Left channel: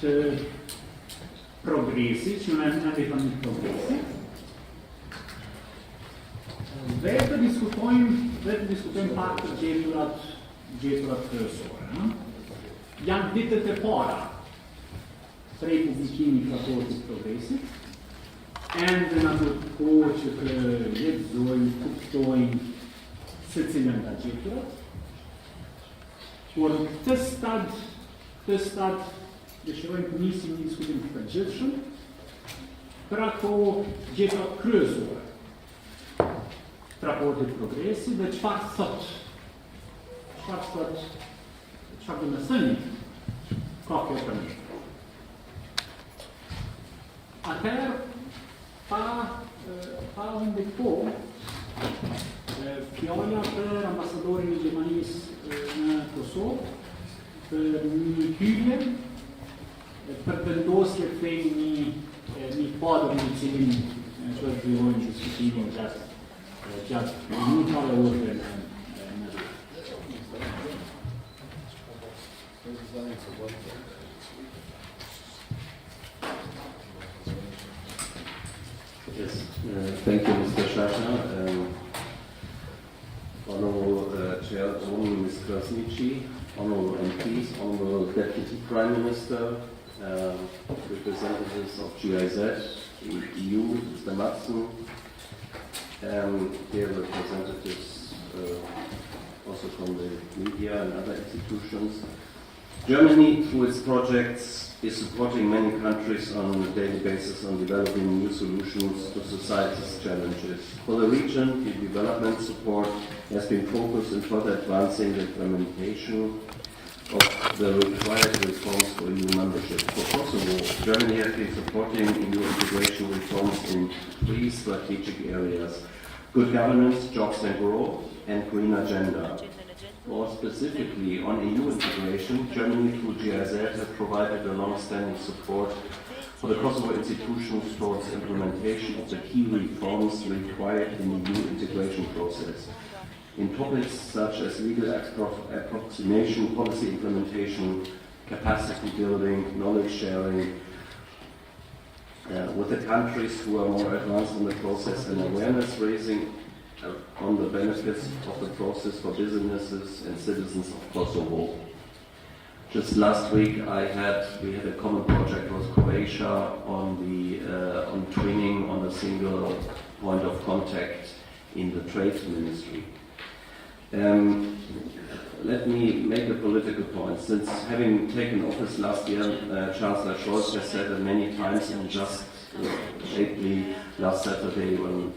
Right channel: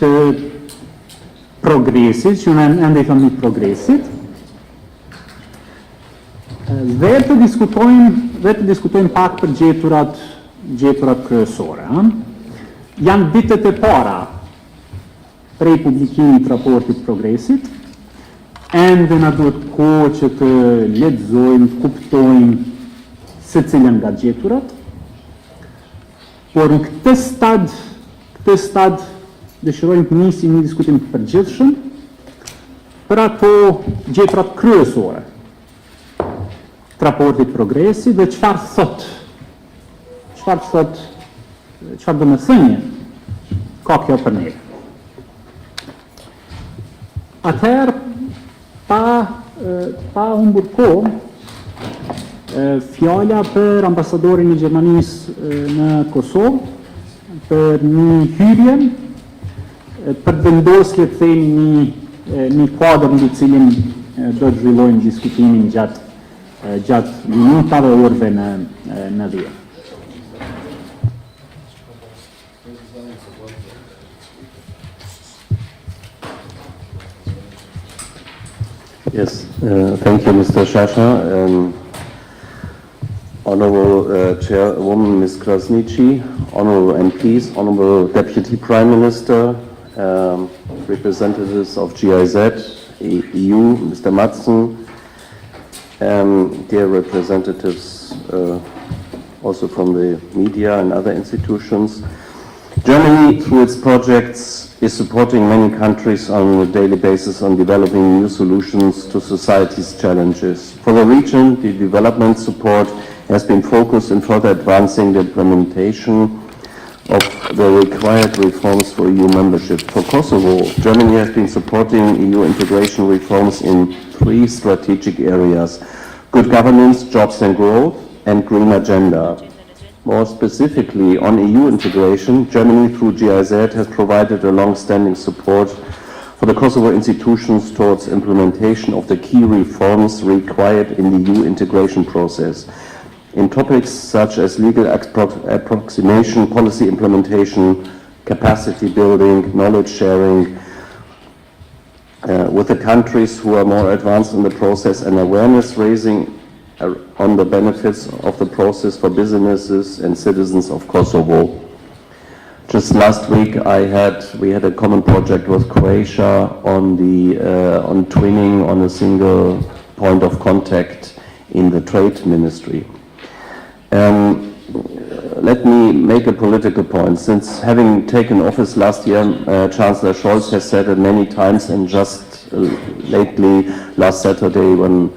të progresit, që në ende i thëmë progresit, dhe të diskutojmë pak për gjeturat kryesore. Janë vitet e para prej publikimit të raportit progresit, ende na duhet kohë që të lexojmë, kuptojmë se cilën nga gjeturat, por në këtë stad dëshirojmë të nisim një diskutim të përgjithshëm për ato gjeturat kryesore të raportit progresit dhe çfarë do të thënë ka kjo për ne. Atëherë, pa humbur kohë, fjala për ambasadorin e Gjermanisë në Kosovë, për një hyrje, për vendosje të themi një kuadër në cilin do të zhvillojmë diskutimin gjatë minutave orëve në dhjetë. Yes, thank you, Mr. Shasha. Honorable Chairwoman Ms. Krasniqi, Honorable MPs, Honorable Deputy Prime Minister, representatives of GIZ, EU, Mr. Madsen, dear representatives also from the media and other institutions. Germany, through its projects, is supporting many countries on a daily basis on developing new solutions to society's challenges. For the region, the development support has been focused in further advancing the implementation of the required reforms for EU membership. For Kosovo, Germany has been supporting EU integration reforms in 3 strategic areas: good governance, jobs and growth, and green agenda. More specifically, on EU integration, Germany through GIZ has provided a long-standing support for the Kosovo institutions towards implementation of the key reforms required in the EU integration process, in topics such as legal approximation, policy implementation, capacity building, knowledge sharing, with the countries who are more advanced in the process, and awareness raising on the benefits of the process for businesses and citizens of Kosovo. Just last week we had a common project with Croatia on twinning on a single point of contact in the trade ministry. Let me make a political point. Since having taken office last year, Chancellor Scholz has said it many times, and just lately, last Saturday, when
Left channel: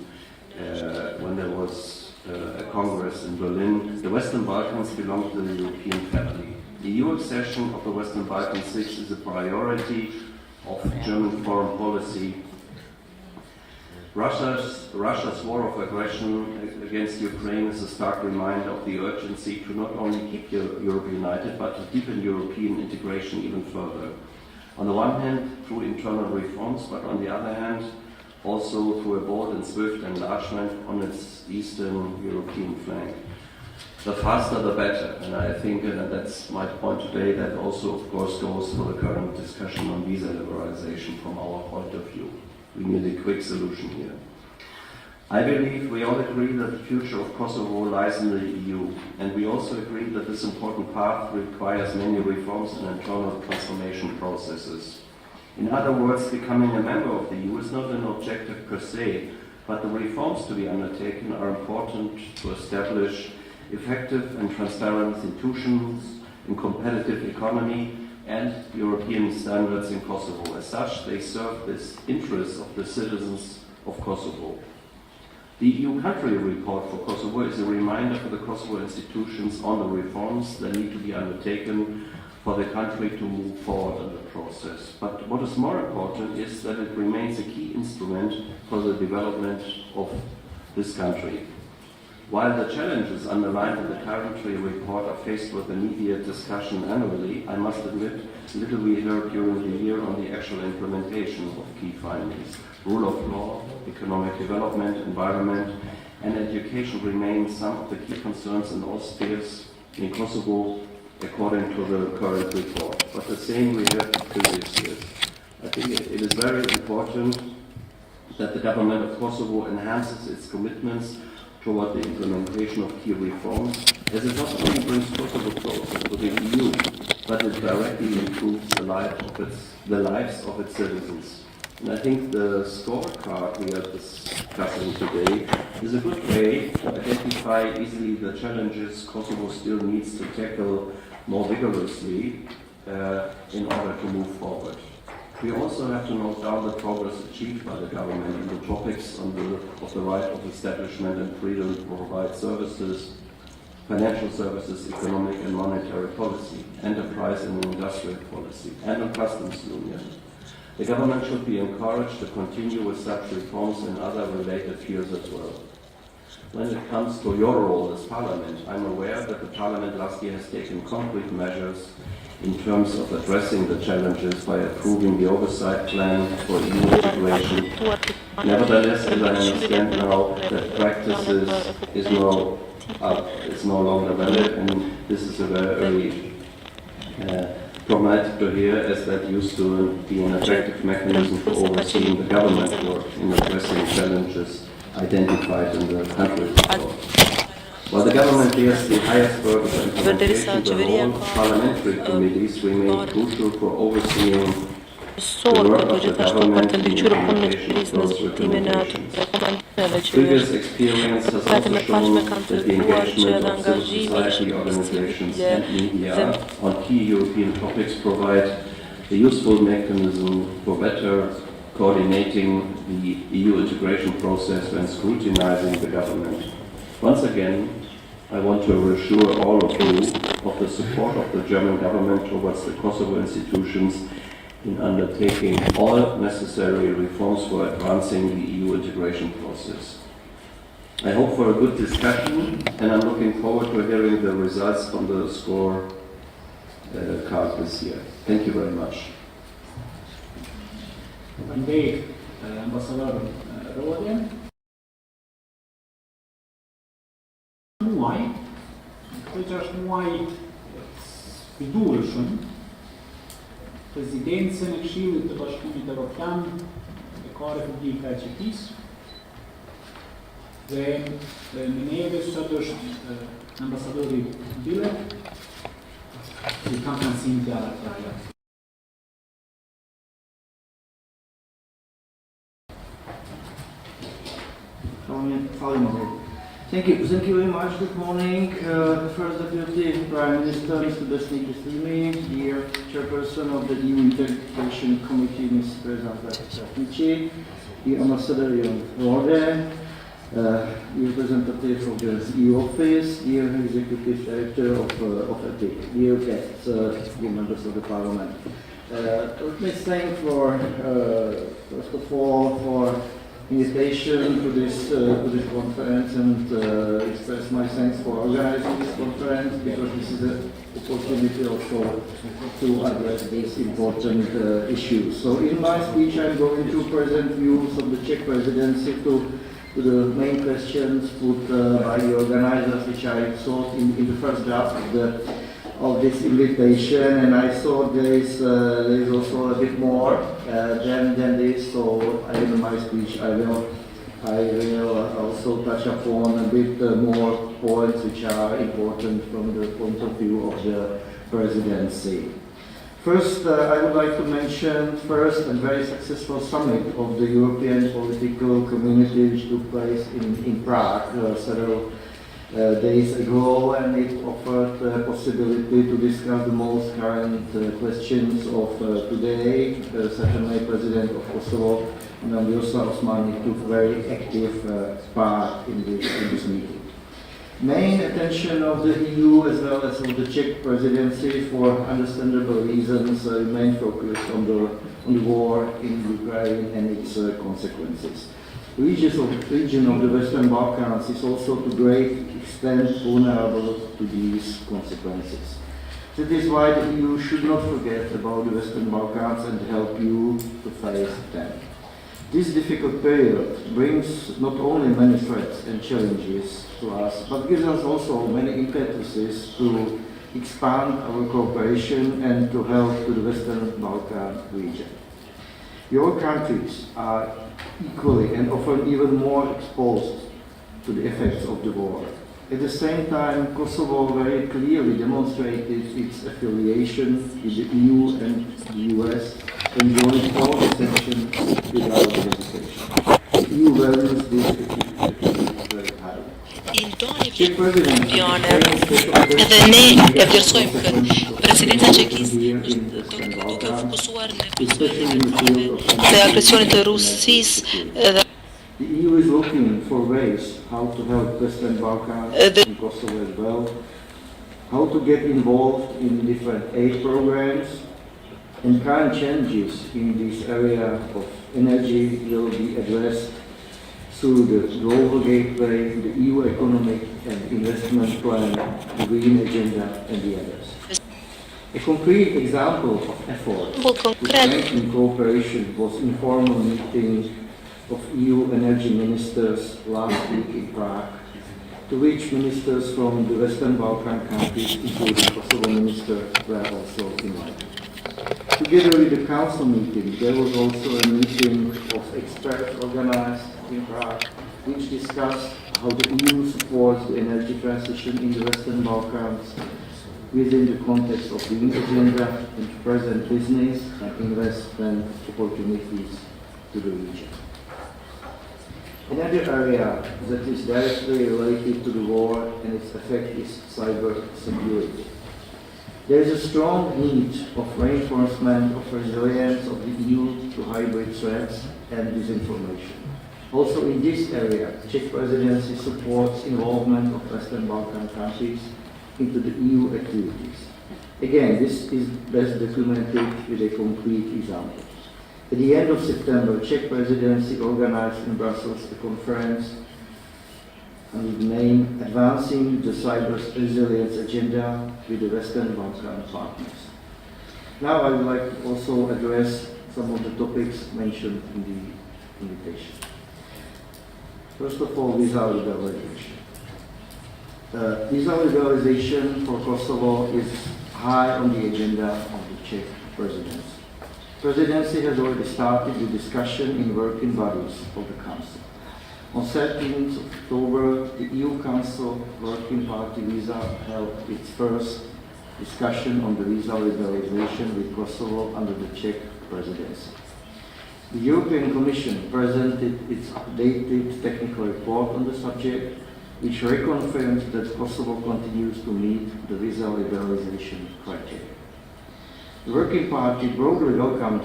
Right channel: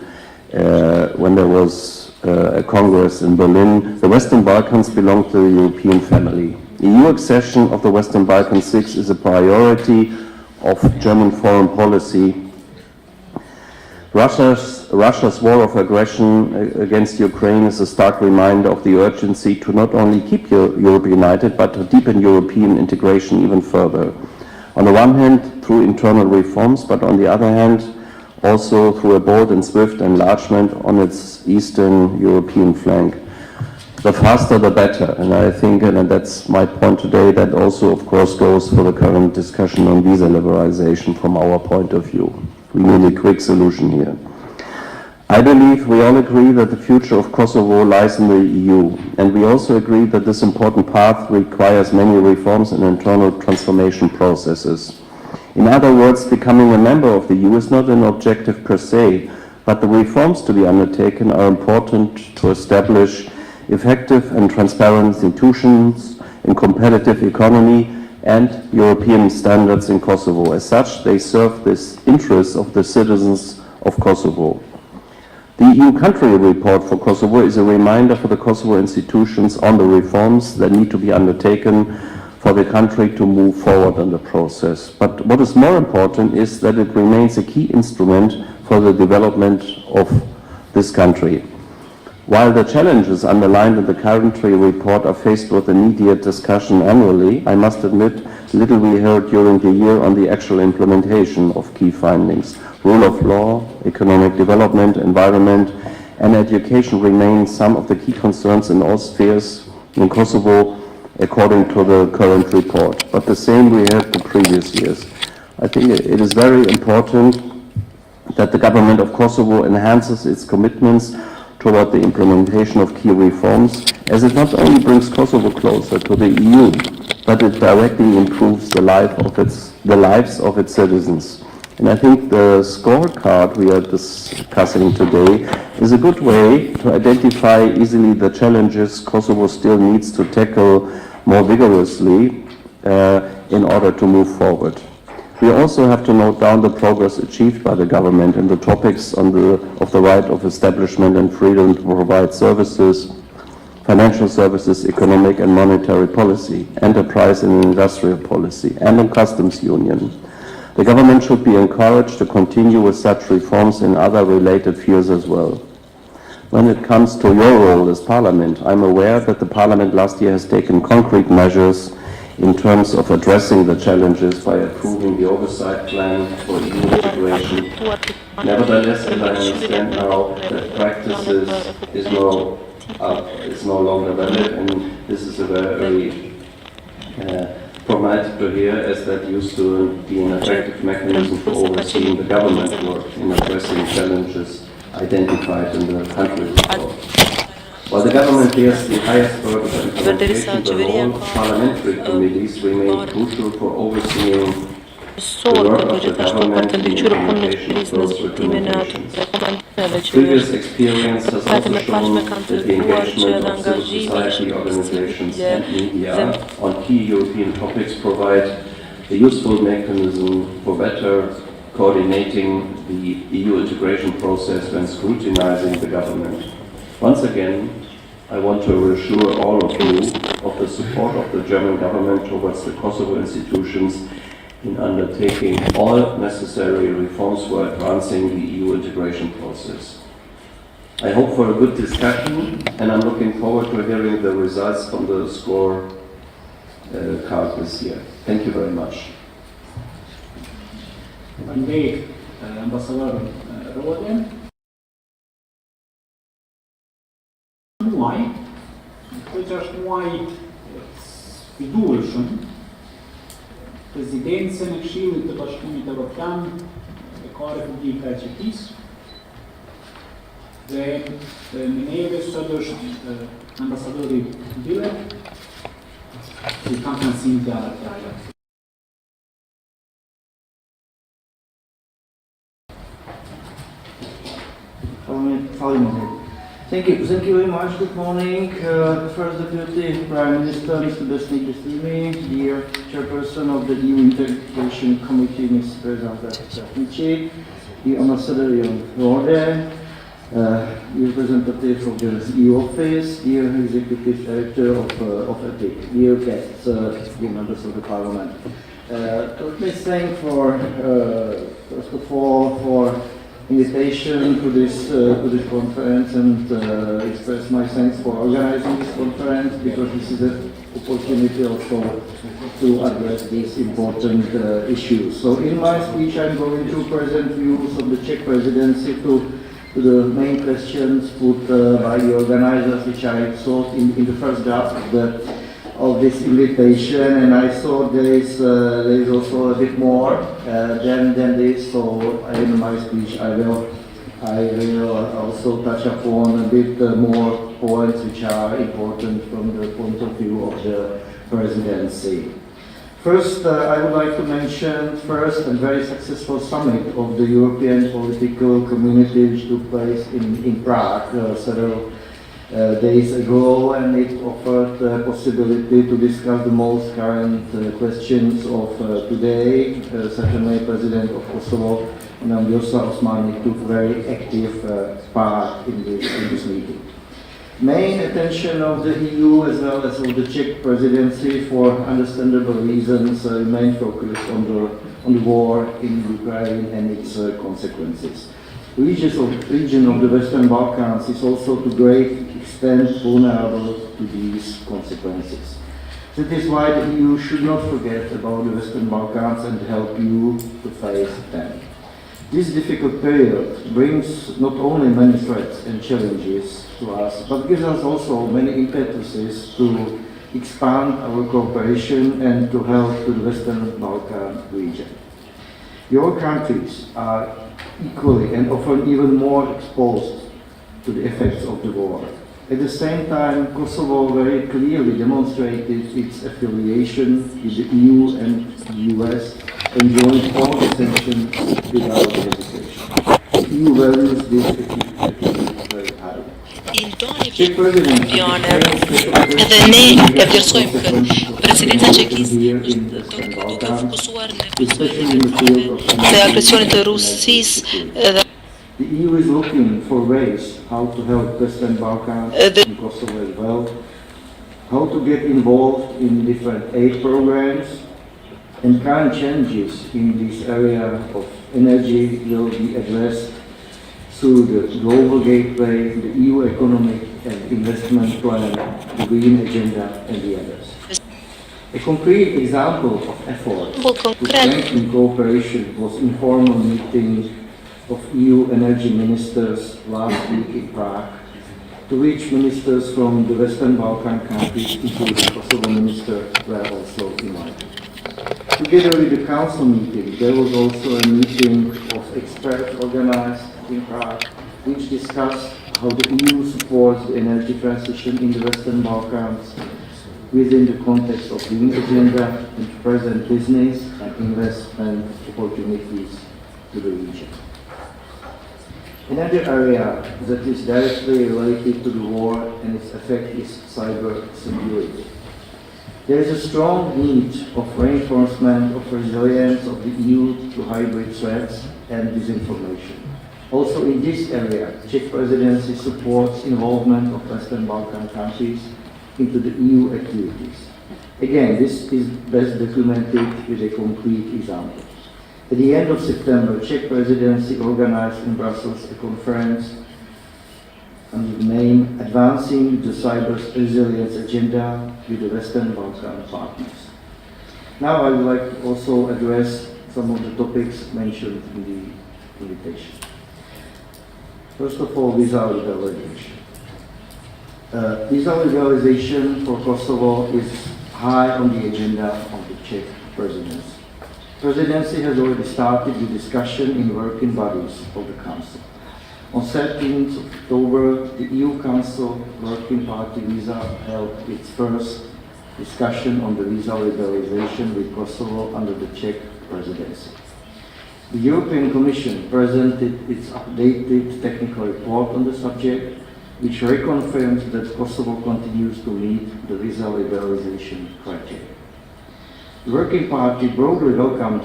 there was a Congress in Berlin, the Western Balkans belong to the European family. EU accession of the Western Balkans 6 is a priority of German foreign policy. Russia's war of aggression against Ukraine is a stark reminder of the urgency to not only keep Europe united, but to deepen European integration even further. On the one hand, through internal reforms, but on the other hand, also through a bold and swift enlargement on its Eastern European flank. The faster the better, and I think, and that's my point today, that also of course goes for the current discussion on visa liberalization from our point of view. We need a quick solution here. I believe we all agree that the future of Kosovo lies in the EU, and we also agree that this important path requires many reforms and internal transformation processes. In other words, becoming a member of the EU is not an objective per se, but the reforms to be undertaken are important to establish effective and transparent institutions, a competitive economy, and European standards in Kosovo. As such, they serve the interests of the citizens of Kosovo. The EU country report for Kosovo is a reminder for the Kosovo institutions on the reforms that need to be undertaken for the country to move forward in the process. But what is more important is that it remains a key instrument for the development of this country. While the challenges underlined in the country report are faced with immediate discussion annually, I must admit little we heard during the year on the actual implementation of key findings. Rule of law, economic development, environment, and education remain some of the key concerns in all spheres in Kosovo, according to the current report. But the same we have the previous years. I think it is very important that the government of Kosovo enhances its commitments toward the implementation of key reforms, as it not only brings Kosovo closer to the EU, but it directly improves the lives of its citizens. And I think the scorecard we are discussing today is a good way to identify easily the challenges Kosovo still needs to tackle more vigorously in order to move forward. We also have to note down the progress achieved by the government in the topics of the right of establishment and freedom to provide services, financial services, economic and monetary policy, enterprise and industrial policy, and on customs union. The government should be encouraged to continue with such reforms in other related fields as well. When it comes to your role as Parliament, I'm aware that the Parliament last year has taken concrete measures in terms of addressing the challenges by approving the oversight plan for EU integration. Nevertheless, as I understand now, that practices is no longer valid, and this is a very traumatic to hear, as that used to be an effective mechanism for overseeing the government work in addressing challenges identified in the country report. While the government bears the highest burden of implementation, the role of parliamentary committees remain crucial for overseeing the work of the government in the implementation of those recommendations. Previous experience has also shown that the engagement of civil society organizations and media on key European topics provide a useful mechanism for better coordinating the EU integration process when scrutinizing the government. Once again, I want to reassure all of you of the support of the German government towards the Kosovo institutions in undertaking all necessary reforms for advancing the EU integration process. I hope for a good discussion, and I'm looking forward to hearing the results from the score card this year. Thank you very much. Andrei, ambasador Rode. Muaj, këtë është muaj fidueshëm, Prezidencën e Këshillit të Bashkimit Evropian e ka Republika e Çekisë dhe me neve sot është ambasadori Bile, që kam nësim të Tryeza. Thank you very much. Good morning. First Deputy Prime Minister, Mr. Besnik Bestimi, dear Chairperson of the EU Integration Committee, Ms. Tryeza, the Ambassador Jan Rode, the representative of the EU Office, dear Executive Director of EPIC, dear guests, dear members of the Parliament. Let me thank for, first of all, for invitation to this conference and express my thanks for organizing this conference, because this is an opportunity also to address these important issues. So in my speech I'm going to present views of the Czech presidency to the main questions put by the organizers, which I thought in the first draft of this invitation, and I thought there is also a bit more than this. So in my speech I will also touch upon a bit more points which are important from the point of view of the presidency. First, I would like to mention first a very successful summit of the European political community which took place in Prague several days ago, and it offered the possibility to discuss the most current questions of today. Certainly, President of Kosovo, Vjosa Osmani, took very active part in this meeting. Main attention of the EU as well as of the Czech presidency, for understandable reasons, remained focused on the war in Ukraine and its consequences. The region of the Western Balkans is also to great extent vulnerable to these consequences. That is why the EU should not forget about the Western Balkans and help you to face them. This difficult period brings not only many threats and challenges to us, but gives us also many impetuses to expand our cooperation and to help to the Western Balkan region. Your countries are equally and often even more exposed to the effects of the war. At the same time, Kosovo very clearly demonstrated its affiliation with the EU and the US and joined all the sanctions without hesitation. The EU values this activity very highly. Evropiane edhe ne e vlerësojmë këtë. Presidenca çekiste është duke fokusuar në të agresionit të Rusisë dhe The EU is looking for ways how to help Western Balkans and Kosovo as well, how to get involved in different aid programs, and current changes in this area of energy will be addressed through the Global Gateway, the EU Economic and Investment Plan, the Green Agenda, and the others. A concrete example of effort to strengthen cooperation was informal meeting of EU energy ministers last week in Prague, to which ministers from the Western Balkan countries, including Kosovo minister, were also invited. Together with the council meeting, there was also a meeting of experts organized in Prague, which discussed how the EU supports the energy transition in the Western Balkans within the context of the Green Agenda and to present business and investment opportunities to the region. Another area that is directly related to the war and its effect is cyber security. There is a strong need of reinforcement of resilience of the EU to hybrid threats and disinformation. Also in this area, Czech presidency supports involvement of Western Balkan countries into the EU activities. Again, this is best documented with a concrete example. At the end of September, Czech presidency organized in Brussels a conference under the name Advancing the Cyber Resilience Agenda with the Western Balkan Partners. Now I would like to also address some of the topics mentioned in the invitation. First of all, visa liberalization. Visa liberalization for Kosovo is high on the agenda of the Czech presidency. The presidency has already started the discussion in working bodies of the Council. On 13th October, the EU Council Working Party Visa held its first discussion on the visa liberalization with Kosovo under the Czech presidency. The European Commission presented its updated technical report on the subject, which reconfirms that Kosovo continues to meet the visa liberalization criteria. The Working Party broadly welcomed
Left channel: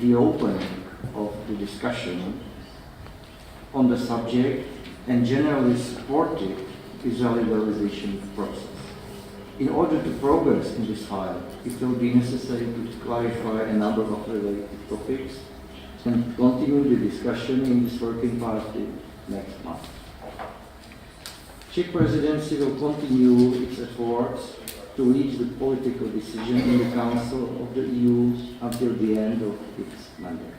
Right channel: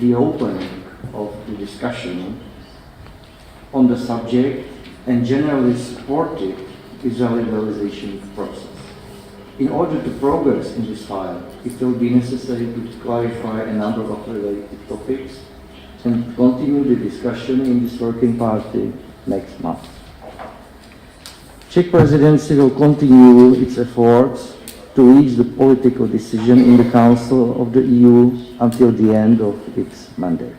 the opening of the discussion on the subject and generally supported the visa liberalization process. In order to progress in this file, it will be necessary to clarify a number of related topics and continue the discussion in this Working Party next month. Czech presidency will continue its efforts to reach the political decision in the Council of the EU until the end of its mandate.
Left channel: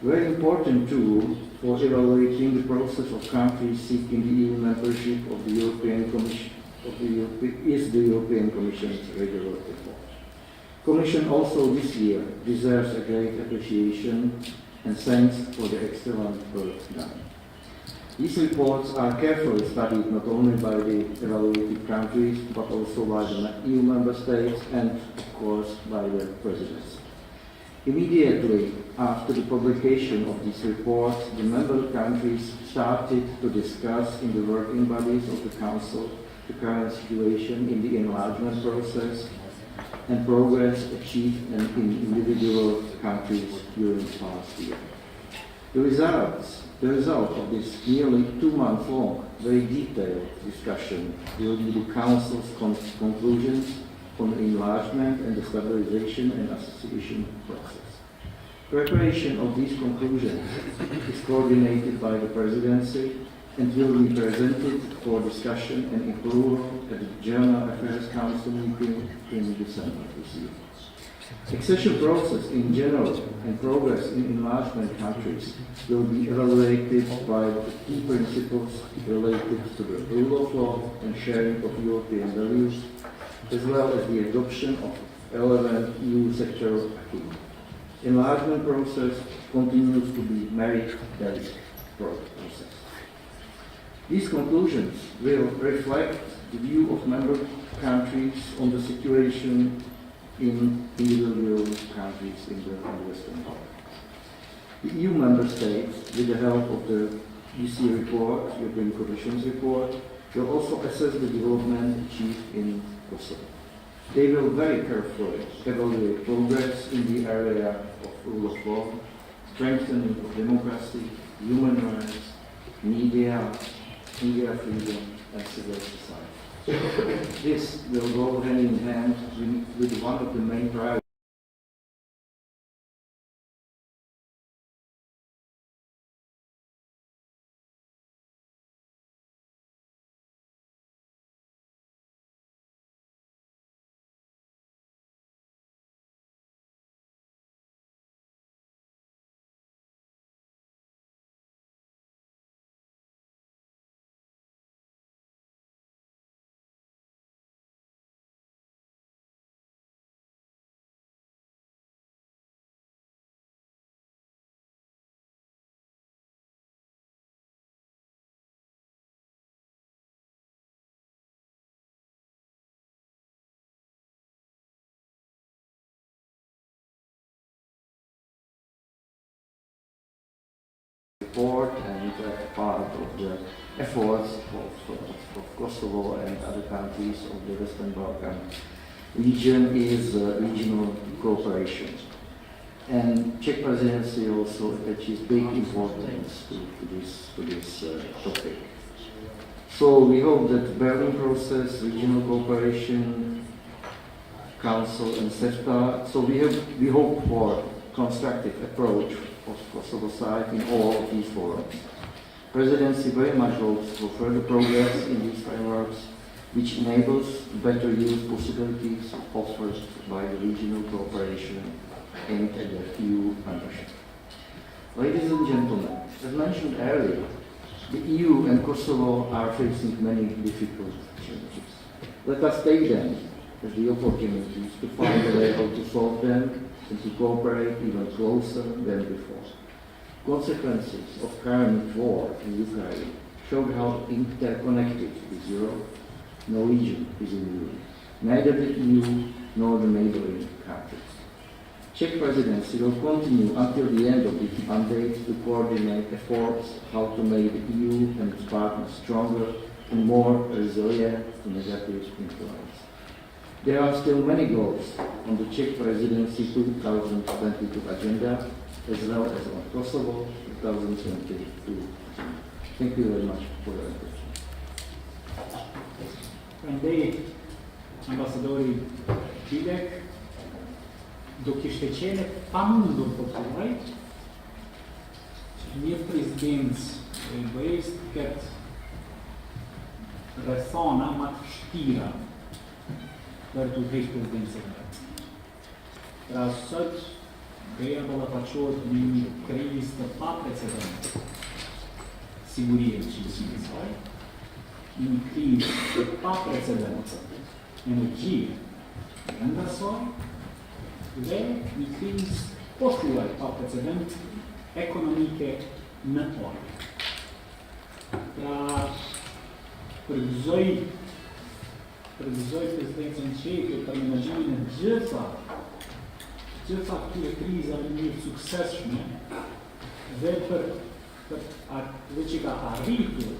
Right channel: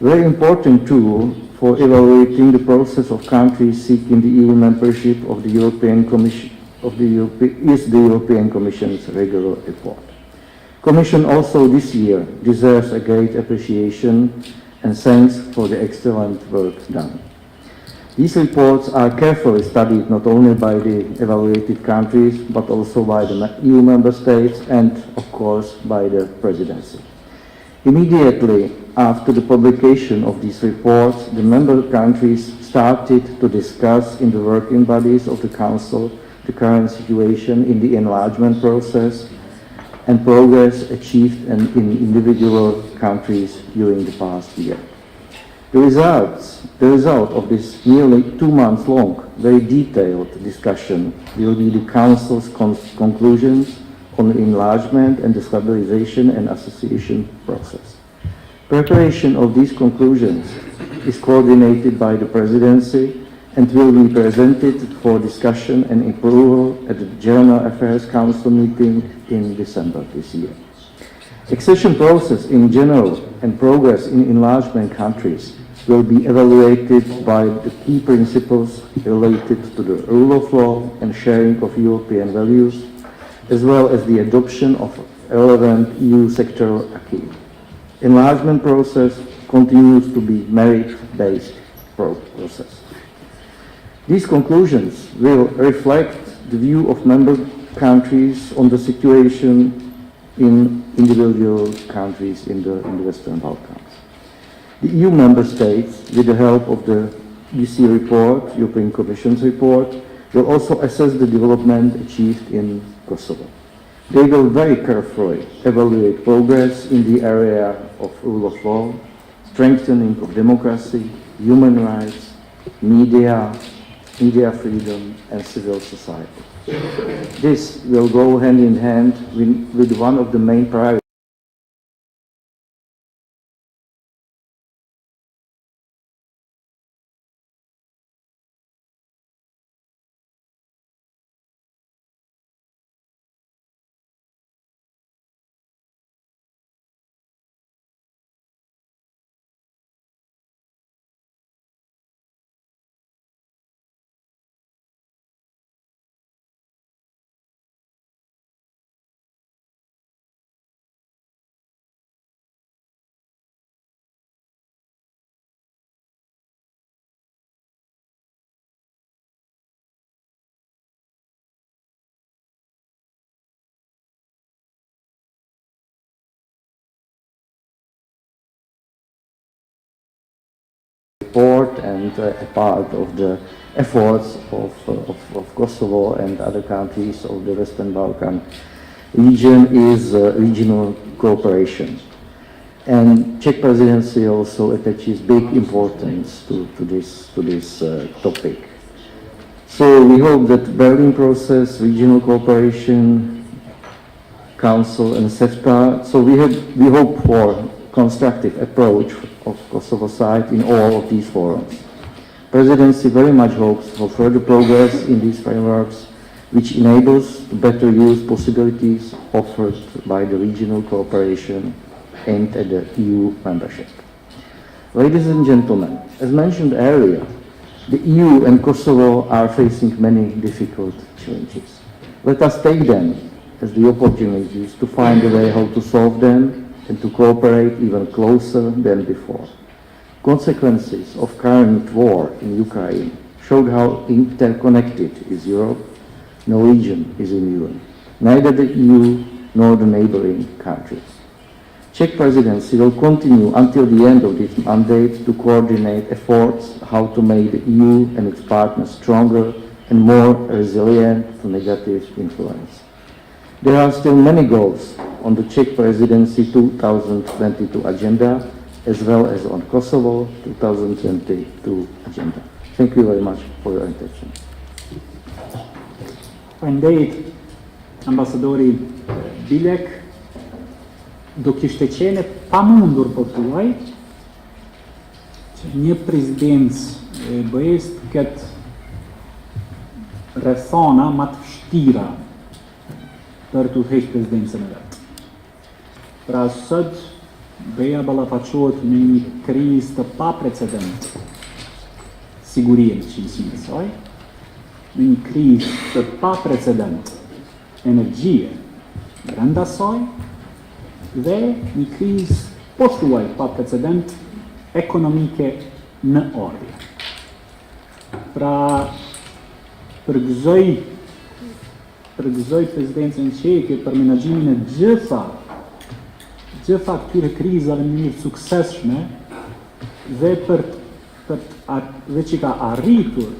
Very important tool for evaluating the process of countries seeking the EU membership of the European Commission is the European Commission's regular report. Commission also this year deserves a great appreciation and thanks for the excellent work done. These reports are carefully studied not only by the evaluated countries, but also by the EU member states and, of course, by the presidency. Immediately after the publication of these reports, the member countries started to discuss in the working bodies of the Council the current situation in the enlargement process and progress achieved in individual countries during the past year. The result of this nearly 2 months long, very detailed discussion will be the Council's conclusions on the enlargement and the stabilization and association process. Preparation of these conclusions is coordinated by the Presidency and will be presented for discussion and approval at the General Affairs Council meeting in December this year. Accession process in general and progress in enlargement countries will be evaluated by the key principles related to the rule of law and sharing of European values, as well as the adoption of relevant EU sectoral acquis. Enlargement process continues to be merit-based process. These conclusions will reflect the view of member countries on the situation in individual countries in the Western Balkans. The EU member states, with the help of the EC report, European Commission's report, will also assess the development achieved in Kosovo. They will very carefully evaluate progress in the area of rule of law, strengthening of democracy, human rights, media freedom, and civil society. This will go hand in hand with one of the main priorities report and a part of the efforts of Kosovo and other countries of the Western Balkan region is regional cooperation. And Czech presidency also attaches big importance to this topic. So we hope that Berlin process, regional cooperation, Council and CEFTA, so we hope for constructive approach of Kosovo side in all of these forums. Presidency very much hopes for further progress in these frameworks, which enables better use possibilities offered by the regional cooperation aimed at the EU membership. Ladies and gentlemen, as mentioned earlier, the EU and Kosovo are facing many difficult challenges. Let us take them as the opportunities to find a way how to solve them and to cooperate even closer than before. Consequences of current war in Ukraine showed how interconnected is Europe. No region is immune, neither the EU nor the neighboring countries. Czech presidency will continue until the end of this mandate to coordinate efforts how to make the EU and its partners stronger and more resilient to negative influence. There are still many goals on the Czech presidency 2022 agenda, as well as on Kosovo 2022 agenda. Thank you very much for your attention. Faleminderit ambasadorit Bilek, do kishte qenë pa mundur po tuaj që një prezidencë e BE-s këtë rrethana më të vështira për të udhëhequr prezidencën e vet. Pra sot BE-ja ballafaqohet me një krizë të paprecedente sigurie të qëllësinë e saj, një krizë të paprecedente energjie brenda saj dhe një krizë po thuaj pa precedent ekonomike në ardhje. Pra përgëzoj presidencën çeke për menaxhimin e gjitha këtyre krizave në mënyrë suksesshme dhe dhe që ka arritur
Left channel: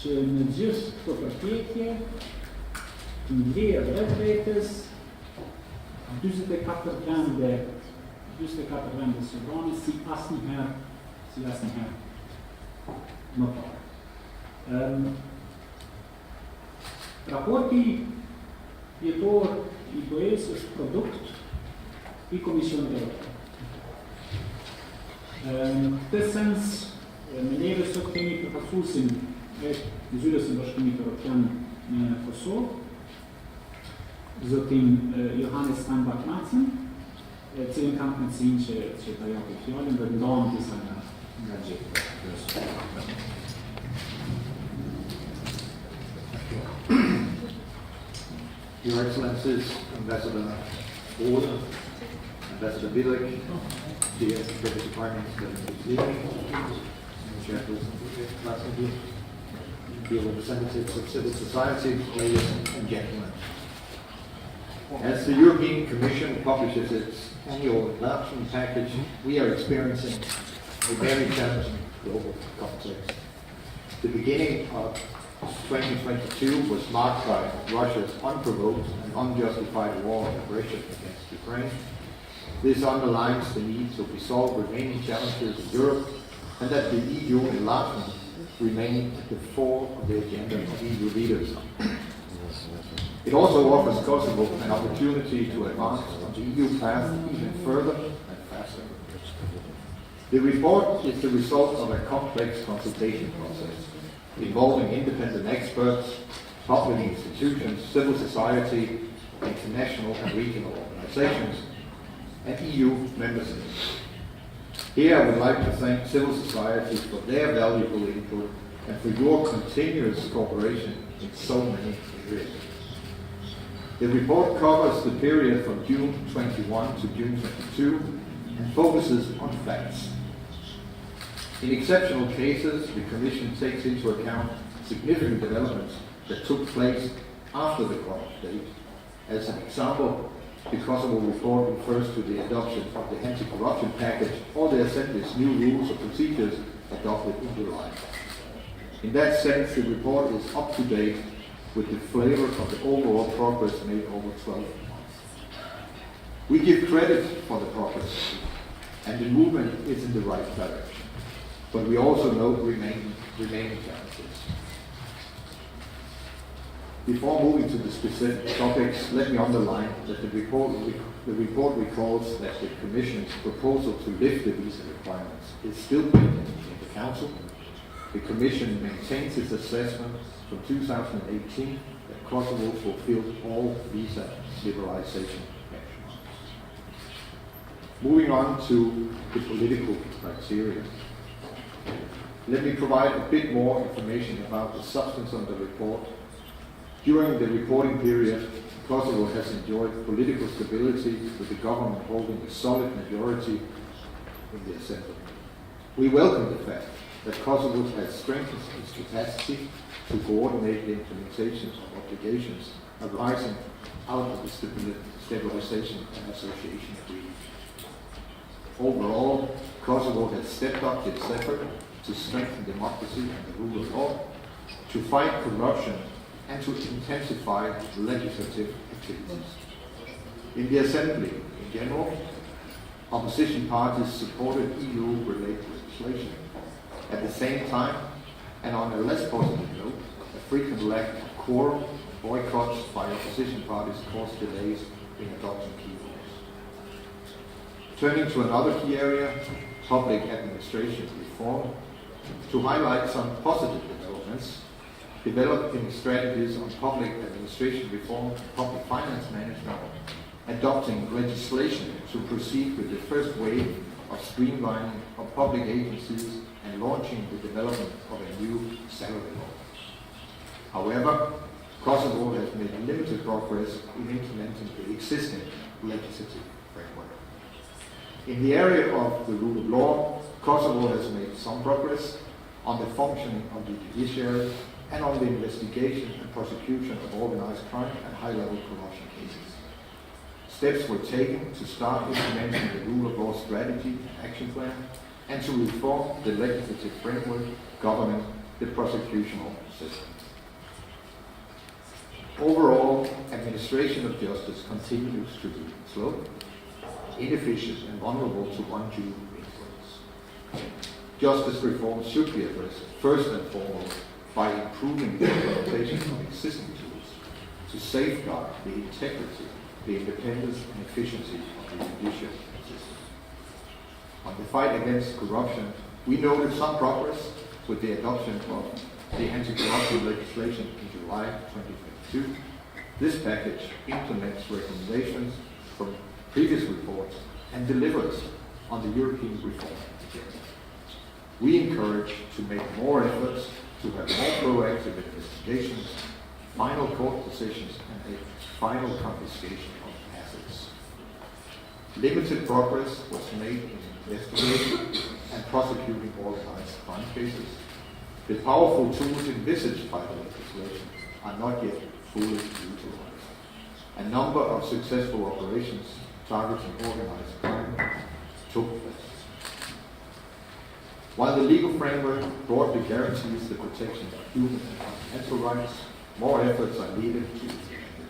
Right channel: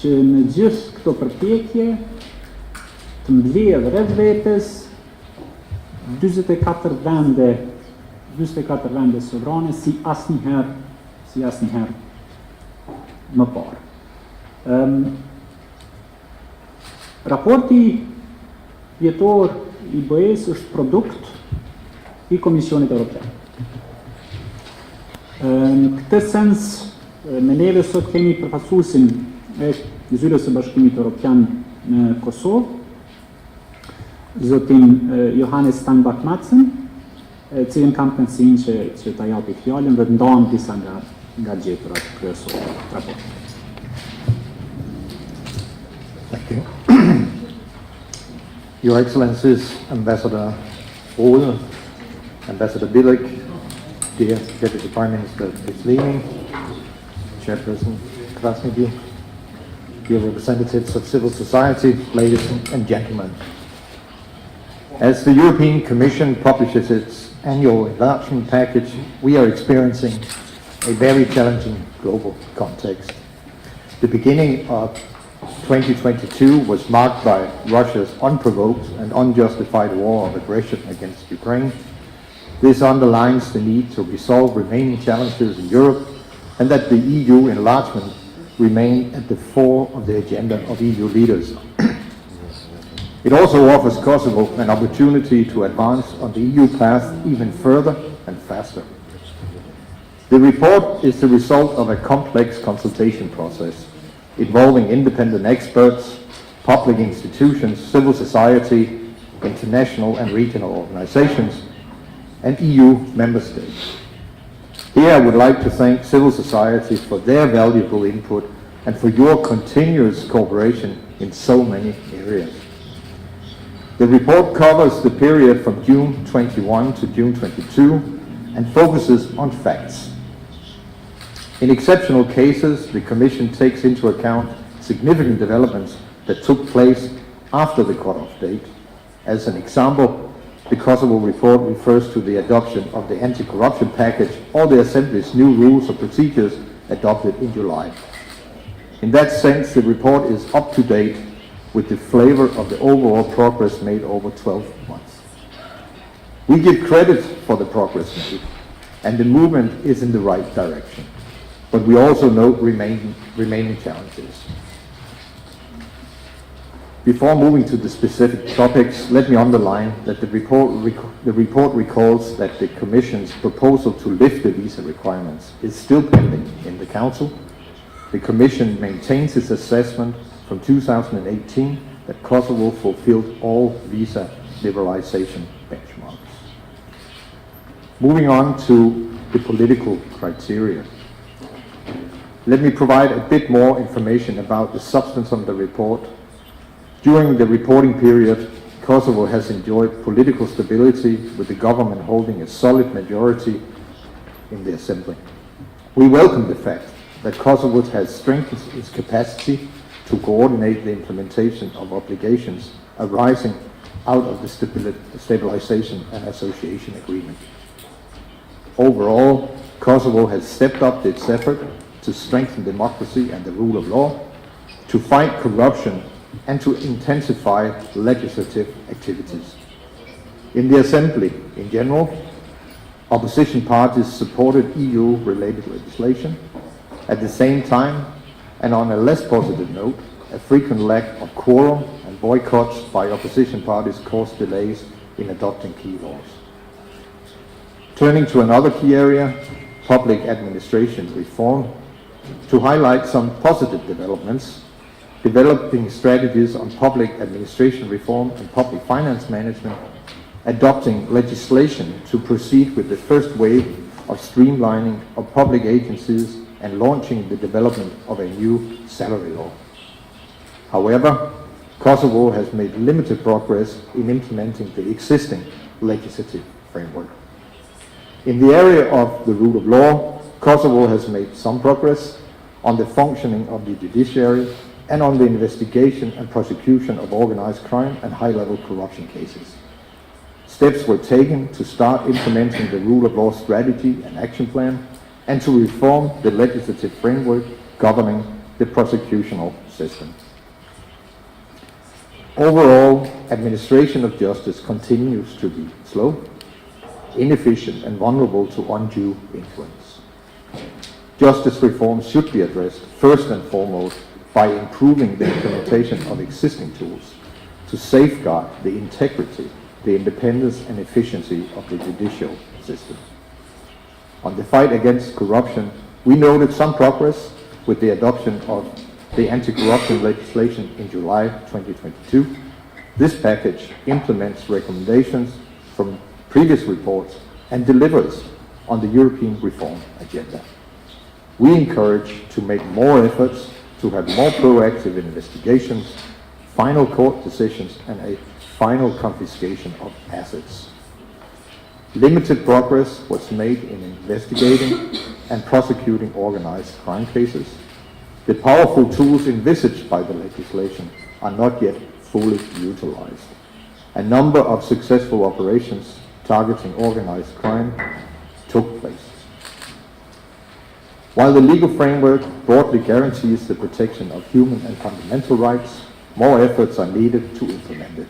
që në gjithë këto përpjekje të mbledh rreth vetes 44 vende sovrane si asnjëherë më parë. Raporti vjetor i BE-s është produkt i Komisionit Evropian. Në këtë sens, me neve sot kemi përfaqësuesin e Zyrës së Bashkimit Evropian në Kosovë, zotin Johannes Steinbach-Madsen, cilin kam kënaqësinë që ta japi fjalën dhe të ndajmë disa nga gjetrat kryesore. Your Excellencies, Ambassador Rode, Ambassador Bilek, dear Deputy Prime Minister Muslimi, Chairperson Krasniki, dear representatives of civil society, ladies and gentlemen. As the European Commission publishes its annual enlargement package, we are experiencing a very challenging global context. The beginning of 2022 was marked by Russia's unprovoked and unjustified war of aggression against Ukraine. This underlines the need to resolve remaining challenges in Europe and that the EU enlargement remain at the fore of the agenda of EU leaders. It also offers Kosovo an opportunity to advance on the EU path even further and faster. The report is the result of a complex consultation process involving independent experts, public institutions, civil society, international and regional organizations, and EU member states. Here I would like to thank civil society for their valuable input and for your continuous cooperation in so many areas. The report covers the period from June 21 to June 22 and focuses on facts. In exceptional cases, the Commission takes into account significant developments that took place after the cut-off date. As an example, the Kosovo report refers to the adoption of the anti-corruption package or the Assembly's new rules of procedures adopted in July. In that sense, the report is up to date with the flavor of the overall progress made over 12 months. We give credit for the progress made, and the movement is in the right direction. But we also note remaining challenges. Before moving to the specific topics, let me underline that the report recalls that the Commission's proposal to lift the visa requirements is still pending in the Council. The Commission maintains its assessment from 2018 that Kosovo fulfilled all visa liberalization benchmarks. Moving on to the political criteria. Let me provide a bit more information about the substance of the report. During the reporting period, Kosovo has enjoyed political stability with the government holding a solid majority in the Assembly. We welcome the fact that Kosovo has strengthened its capacity to coordinate the implementation of obligations arising out of the Stabilization and Association Agreement. Overall, Kosovo has stepped up its effort to strengthen democracy and the rule of law, to fight corruption, and to intensify legislative activities. In the Assembly, in general, opposition parties supported EU-related legislation. At the same time, and on a less positive note, a frequent lack of quorum and boycotts by opposition parties caused delays in adopting key laws. Turning to another key area, public administration reform, to highlight some positive developments, developing strategies on public administration reform and public finance management, adopting legislation to proceed with the first wave of streamlining of public agencies and launching the development of a new salary law. However, Kosovo has made limited progress in implementing the existing legislative framework. In the area of the rule of law, Kosovo has made some progress on the functioning of the judiciary and on the investigation and prosecution of organized crime and high-level corruption cases. Steps were taken to start implementing the rule of law strategy and action plan and to reform the legislative framework governing the prosecutional system. Overall, administration of justice continues to be slow, inefficient, and vulnerable to undue influence. Justice reform should be addressed first and foremost by improving the implementation of existing tools to safeguard the integrity, the independence, and efficiency of the judicial system. On the fight against corruption, we noted some progress with the adoption of the anti-corruption legislation in July 2022. This package implements recommendations from previous reports and delivers on the European reform agenda. We encourage to make more efforts to have more proactive investigations, final court decisions, and a final confiscation of assets. Limited progress was made in investigating and prosecuting organized crime cases. The powerful tools envisaged by the legislation are not yet fully utilized. A number of successful operations targeting organized crime took place. While the legal framework broadly guarantees the protection of human and fundamental rights, more efforts are needed to implement it.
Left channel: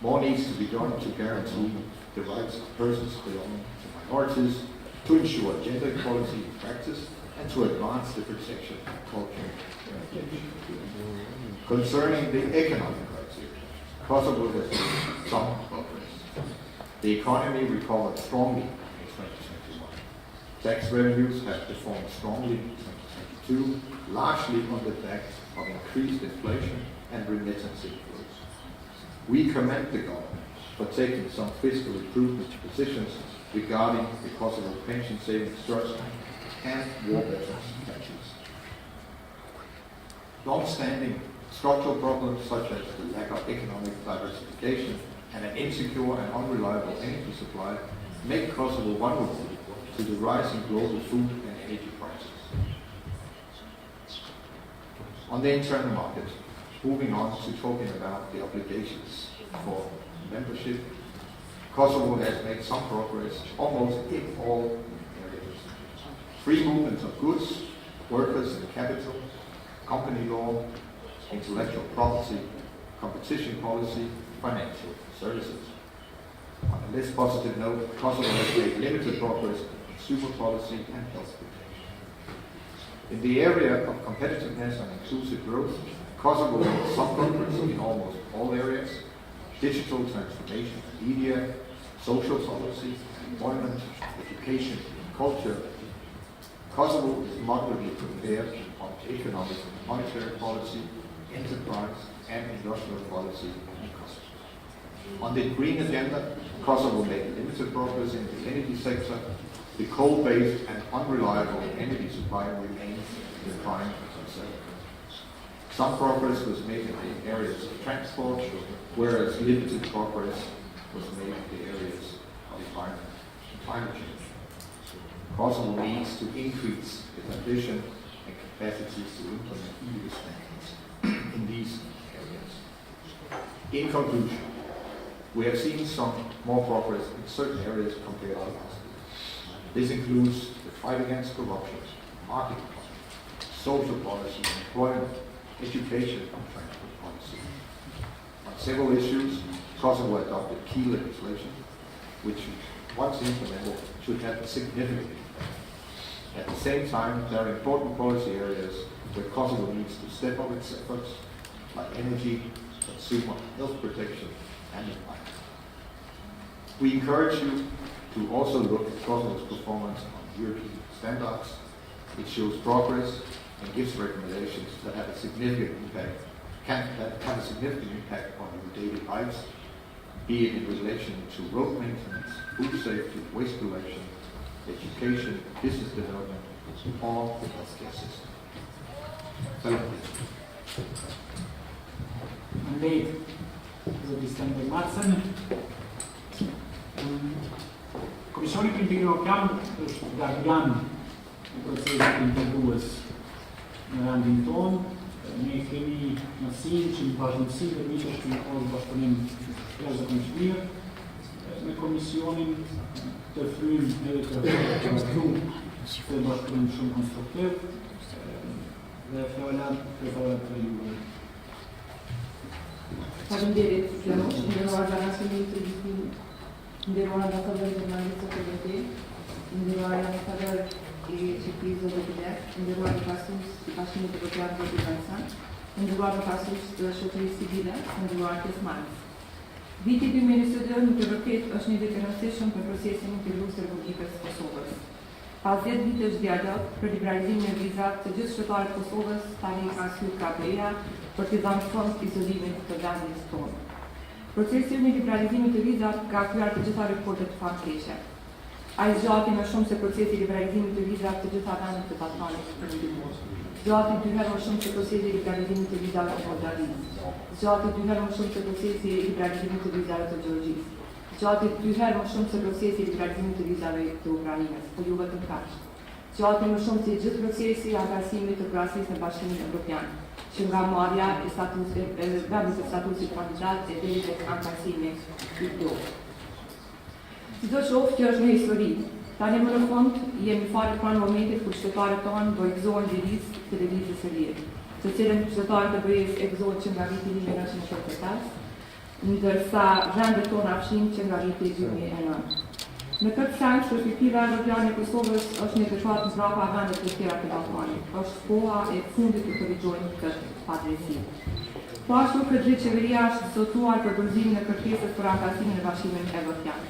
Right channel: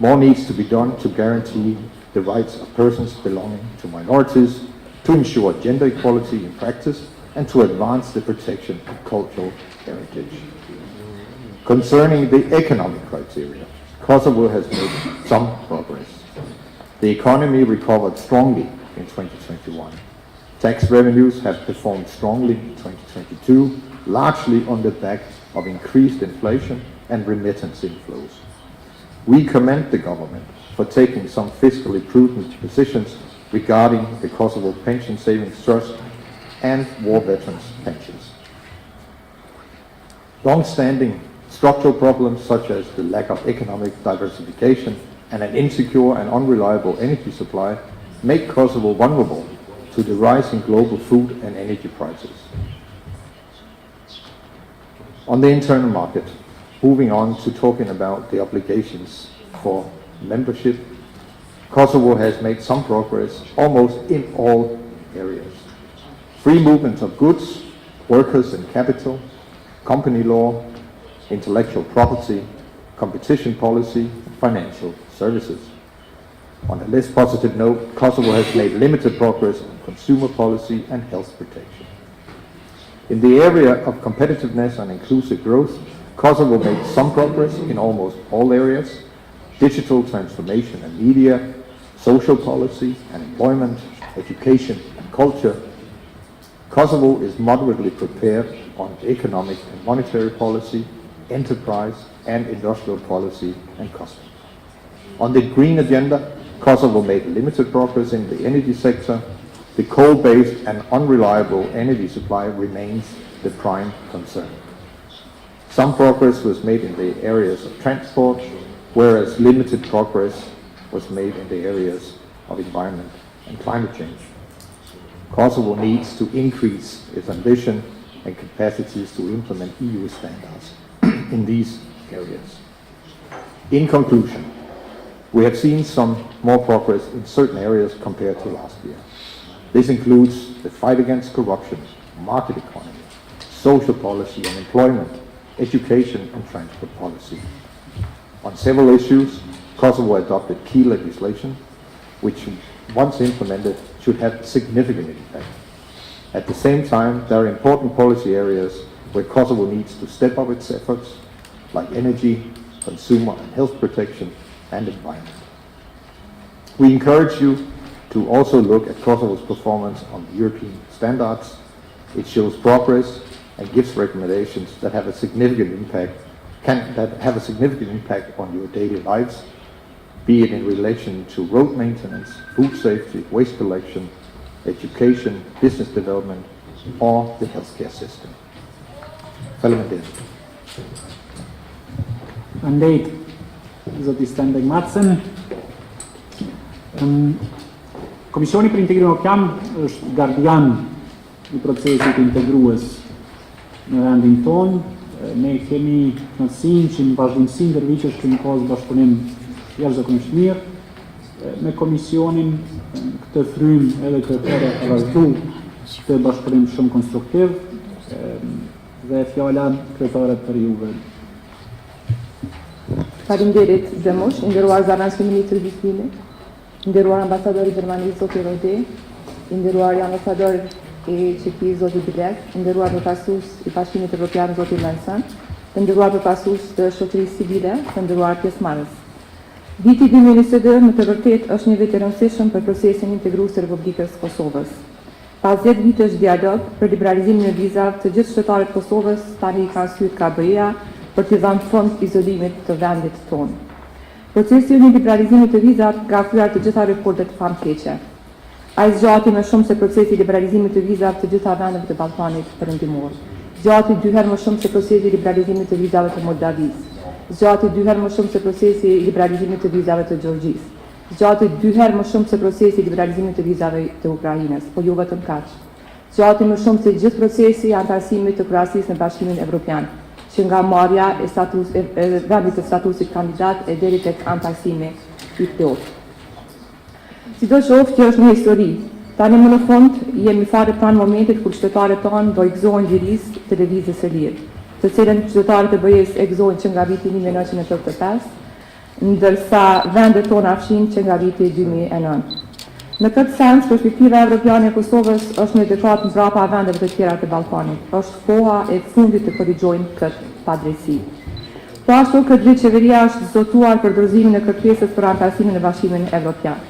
More needs to be done to guarantee the rights of persons belonging to minorities, to ensure gender equality in practice, and to advance the protection of cultural heritage. Concerning the economic criteria, Kosovo has made some progress. The economy recovered strongly in 2021. Tax revenues have performed strongly in 2022, largely on the back of increased inflation and remittance inflows. We commend the government for taking some fiscally prudent positions regarding the Kosovo Pension Savings Trust and war veterans' pensions. Long-standing structural problems such as the lack of economic diversification and an insecure and unreliable energy supply make Kosovo vulnerable to the rising global food and energy prices. On the internal market, moving on to talking about the obligations for membership, Kosovo has made some progress almost in all areas. Free movement of goods, workers and capital, company law, intellectual property, competition policy, financial services. On a less positive note, Kosovo has made limited progress in consumer policy and health protection. In the area of competitiveness and inclusive growth, Kosovo made some progress in almost all areas: digital transformation and media, social policy and employment, education and culture. Kosovo is moderately prepared on economic and monetary policy, enterprise and industrial policy and customs. On the green agenda, Kosovo made limited progress in the energy sector. The coal-based and unreliable energy supply remains the prime concern. Some progress was made in the areas of transport, whereas limited progress was made in the areas of environment and climate change. Kosovo needs to increase its ambition and capacities to implement EU standards in these areas. In conclusion, we have seen some more progress in certain areas compared to last year. This includes the fight against corruption, market economy, social policy and employment, education and transport policy. On several issues, Kosovo adopted key legislation, which, once implemented, should have significant impact. At the same time, there are important policy areas where Kosovo needs to step up its efforts, like energy, consumer and health protection, and environment. We encourage you to also look at Kosovo's performance on European standards. It shows progress and gives recommendations that have a significant impact, on your daily lives, be it in relation to road maintenance, food safety, waste collection, education, business development, or the healthcare system. Andej, zoti Stenberg Madsen. Komisioni për Integrim Evropian është gardian I procesit integrues në vendin tonë. Ne kemi kënaqësinë që në vazhdimsi ndërvitesh kemi pasur bashkëpunim jashtëzakonisht mirë me Komisionin. Këtë frym edhe të vazhdu këtë bashkëpunim shumë konstruktiv dhe fjala kryetaret për juve. Faleminderit Zemush, nderuar zanash ministri I Shqipërisë, nderuar ambasador I Gjermanisë zoti Rodi, nderuar ambasador I Çekisë zoti Bilek, nderuar përfaqësues I Bashkimit Evropian zoti Lansan, nderuar përfaqësues të shoqërisë civile, nderuar pjesëmarrës. Viti 2022 në të vërtetë është një vit I rëndësishëm për procesin integrues të Republikës së Kosovës. Pas 10 vitesh dialog për liberalizimin e vizave të gjithë qytetarët e Kosovës, tani ka hyrë KBE-ja për të dhënë fund izolimit të vendit tonë. Procesi I liberalizimit të vizave ka kryer të gjitha rekordet famkeqe. Ai zgjati më shumë se procesi I liberalizimit të vizave të gjitha vendeve të Ballkanit Perëndimor. zgjati 2 herë më shumë se procesi i liberalizimit të vizave të Moldavisë, zgjati 2 herë më shumë se procesi i liberalizimit të vizave të Gjeorgjisë, zgjati 2 herë më shumë se procesi i liberalizimit të vizave të Ukrainës, po jo vetëm kaq. Zgjati më shumë se gjithë procesi i antarësimit të Kroacisë në Bashkimin Evropian, që nga marrja e vendit të statusit kandidat e deri tek antarësimi i plotë. Sidoqoftë, kjo është një histori. Tani më në fund jemi fare pranë momentit kur qytetarët tonë do i gëzohen gjirisë televizës së lirë, të cilën qytetarët e BE-s e gëzohen që nga viti 1985, ndërsa vendet tona fshin që nga viti 2009. Në këtë sens, perspektiva evropiane e Kosovës është një dekatë mbrapa vendeve të tjera të Ballkanit. Është koha e fundit të korrigjojmë këtë padrejtësi. Po ashtu këtë vit qeveria është zotuar për dorëzimin e kërkesës për antarësimin në Bashkimin Evropian.